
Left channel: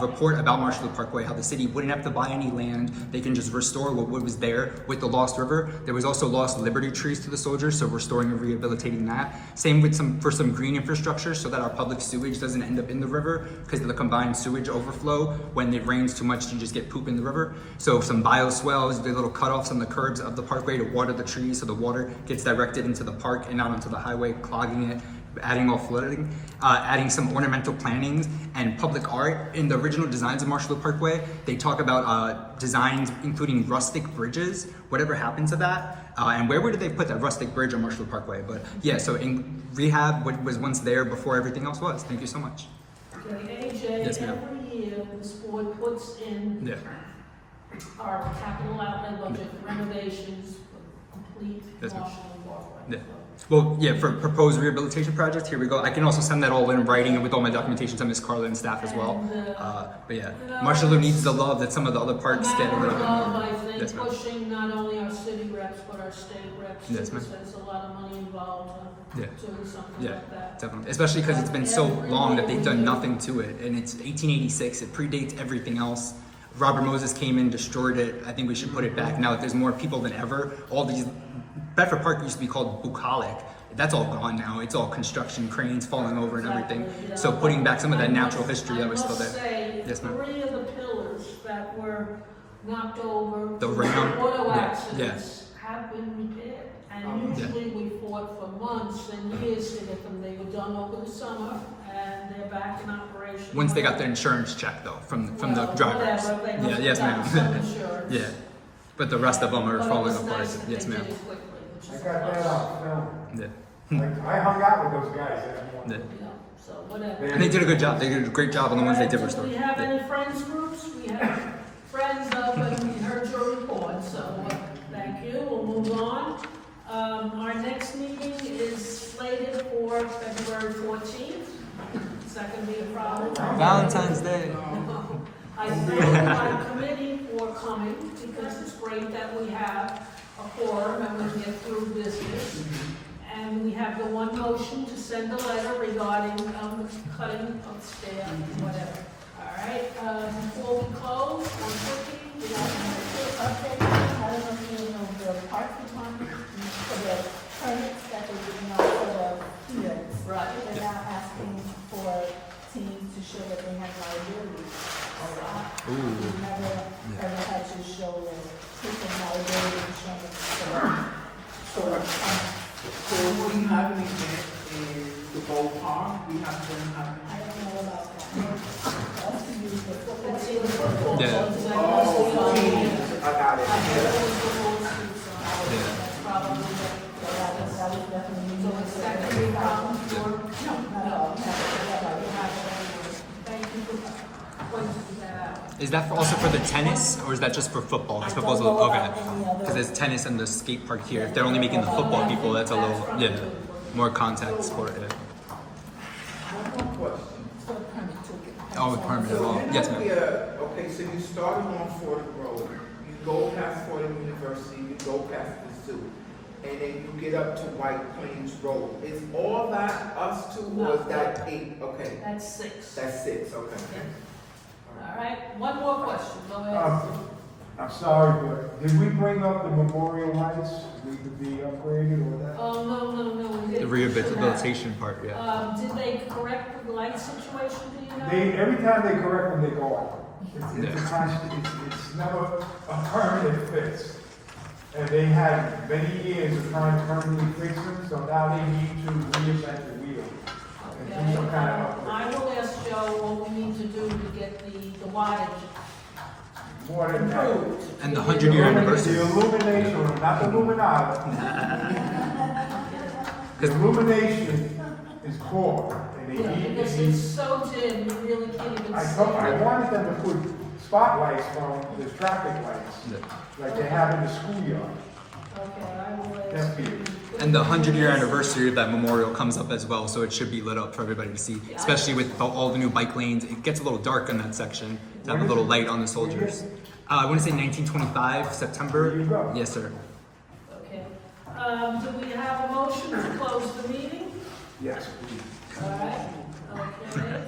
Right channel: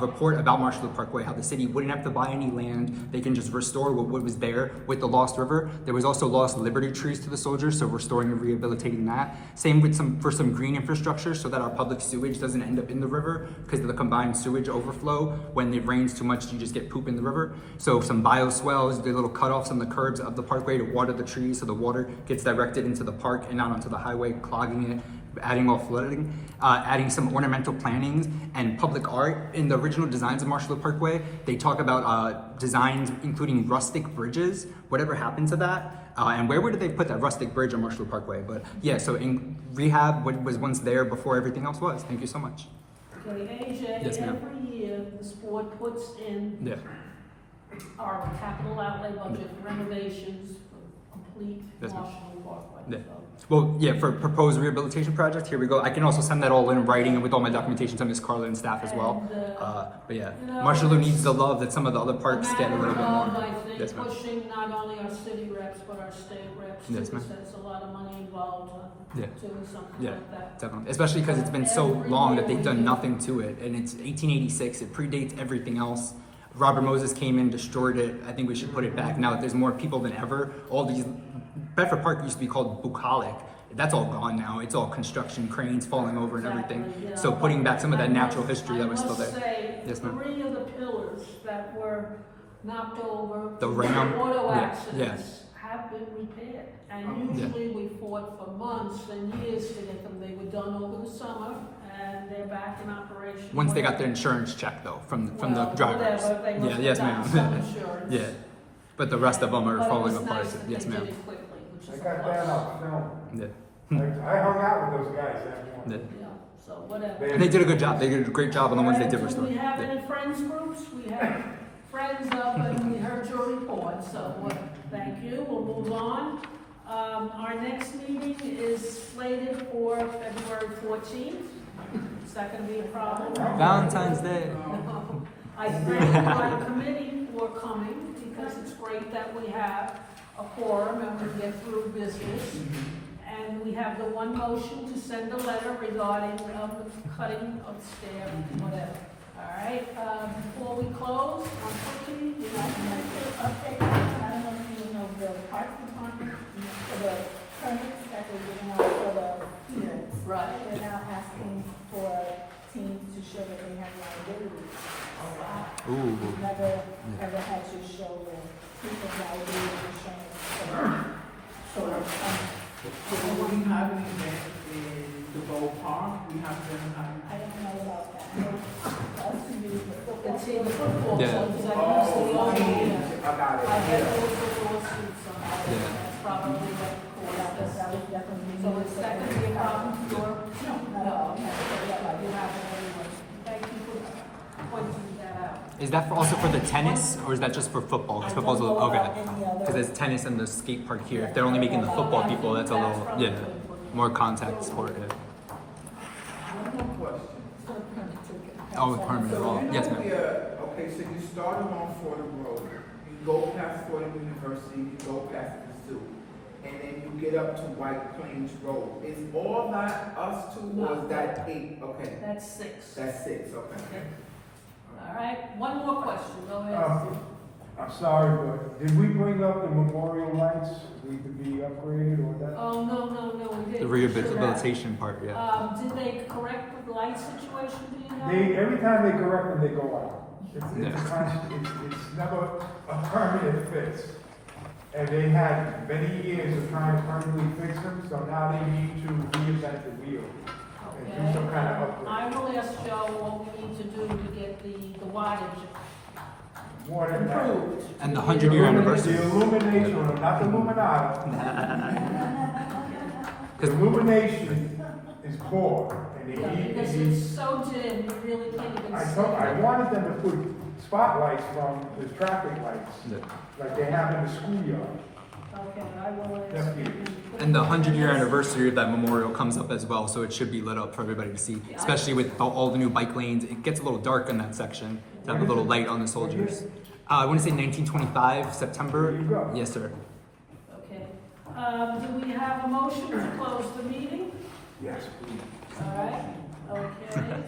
report about Marshallville Parkway, how the city wouldn't have to buy any land. They can just restore what was there with the Lost River. There was also lost Liberty trees to the soldiers, so restoring and rehabilitating that. Same with for some green infrastructure so that our public sewage doesn't end up in the river because of the combined sewage overflow. When it rains too much, you just get poop in the river. So some bioswales, the little cutoffs on the curbs of the parkway to water the trees so the water gets directed into the park and not onto the highway, clogging it, adding more flooding, adding some ornamental plantings and public art. In the original designs of Marshallville Parkway, they talk about designs including rustic bridges. Whatever happened to that? And where did they put that rustic bridge on Marshallville Parkway? But yeah, so in rehab, what was once there before everything else was. Thank you so much. Okay, AJ, Yes, ma'am. every year, this board puts in Yeah. our capital outlay budget renovations for complete Yes, ma'am. Marshall Parkway. Yeah. So, Well, yeah, for proposed rehabilitation project, here we go. I can also send that all in writing and with all my documentation to Ms. Carla and staff as well. But yeah, you know, Marshallville needs the love that some of the other a parks get a little bit matter of, more. I think, Yes, ma'am. pushing not only our city reps, but our state reps, too, Yes, ma'am. because there's a lot of money involved Yeah. doing something Yeah. like that. Definitely, especially because it's been so long that they've done nothing to it, and it's 1886. It predates everything else. Robert Moses came in, destroyed it. I think we should put it back now that there's more people than ever. All these Bedford Park used to be called bucolic. That's all gone now. It's all construction, cranes falling over and everything. Exactly, yeah. So putting back some of that natural history that was still I must there. say, Yes, ma'am. 3 of the pillars that were knocked over, The due to ram? auto Yeah, accidents, have been repaired. And usually we fought for months and years to get them. They were done over the summer, and they're back in operation. Once they got their insurance check though from the Well, drivers. whatever, they must Yeah, yes, have gotten some ma'am. insurance. Yeah, but the rest of them are But it falling was apart. nice that Yes, they ma'am. did it quickly, which I is got that nice. out, film. Yeah. I hung out with those guys that Yeah. morning. Yeah, so whatever. And they did a good job. They did a great job on the ones they did restore. Do we have Yeah. any friends groups? We have friends of, and we heard your report, so thank you. We'll move on. Our next meeting is slated for February 14th. Is that going to be a problem? Valentine's Day. I thank my committee for coming, because it's great that we have a quorum and we get through business. And we have the one motion to send a letter regarding cutting of staff, whatever. All right, before we close, one quickie, you know, Update, I don't know if you know the park department, for the permits that they're giving out for the fields. right. They're now asking for teams to show that they have liability. Ooh. We've never, ever had to show proof of liability showing. So we have an event in the Bow Park, we have them having. I don't know about that. Also, you the football. Let's see the football. Yeah. clubs, that must be on the- I got I bet it. there was the lawsuits on that. Yeah. That's probably what it That was. was definitely. So is that going to be a problem for? No, not at all. You have it anyway. Thank you for pointing that out. Is that also for the tennis, or is that just for football? Because football's a little, okay. Any other- Because there's tennis and the skate park here. If they're only making the football people, that's a little, yeah, more contact sport. Yeah. Oh, with permit at all. Yes, ma'am. Okay, so you started on Fordham Road, you go past Fordham University, you go past the zoo, and then you get up to White Plains Road. Is all that us two, or is that 8? Okay, That's 6. that's 6, okay. All right, one more question, go ahead. I'm sorry, but did we bring up the memorial lights, need to be upgraded or that? Oh, no, we The didn't. rehabilitation part, yeah. Did they correct the light situation, do you know? Every time they correct them, they go off. It's a constant, it's never a permanent fix. And they had many years of trying to permanently fix them, so now they need to reinvent the wheel. And do some kind of upgrade. I will ask Joe what we need to do to get the wattage More than that. improved. And the 100-year anniversary. The illumination, not the Illuminati. The illumination is poor. And they Yeah, need, because they need, it's so dim, you really can't even see. I wanted them to put spotlights from the traffic lights, Yeah. like they have in the schoolyard. Okay, I will That's ask. it. And the 100-year anniversary of that memorial comes up as well, so it should be lit up for everybody to see, especially with all the new bike lanes. It gets a little dark in that section to have a little light on the soldiers. I want to say 1925, September. There you go. Yes, sir. Okay. Do we have a motion to close the meeting? Yes. All right, okay.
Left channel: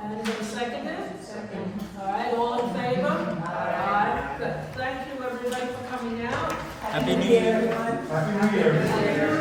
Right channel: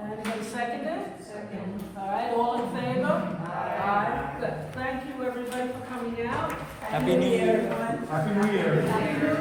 And a second? Happy New Year, everyone. Happy New Year.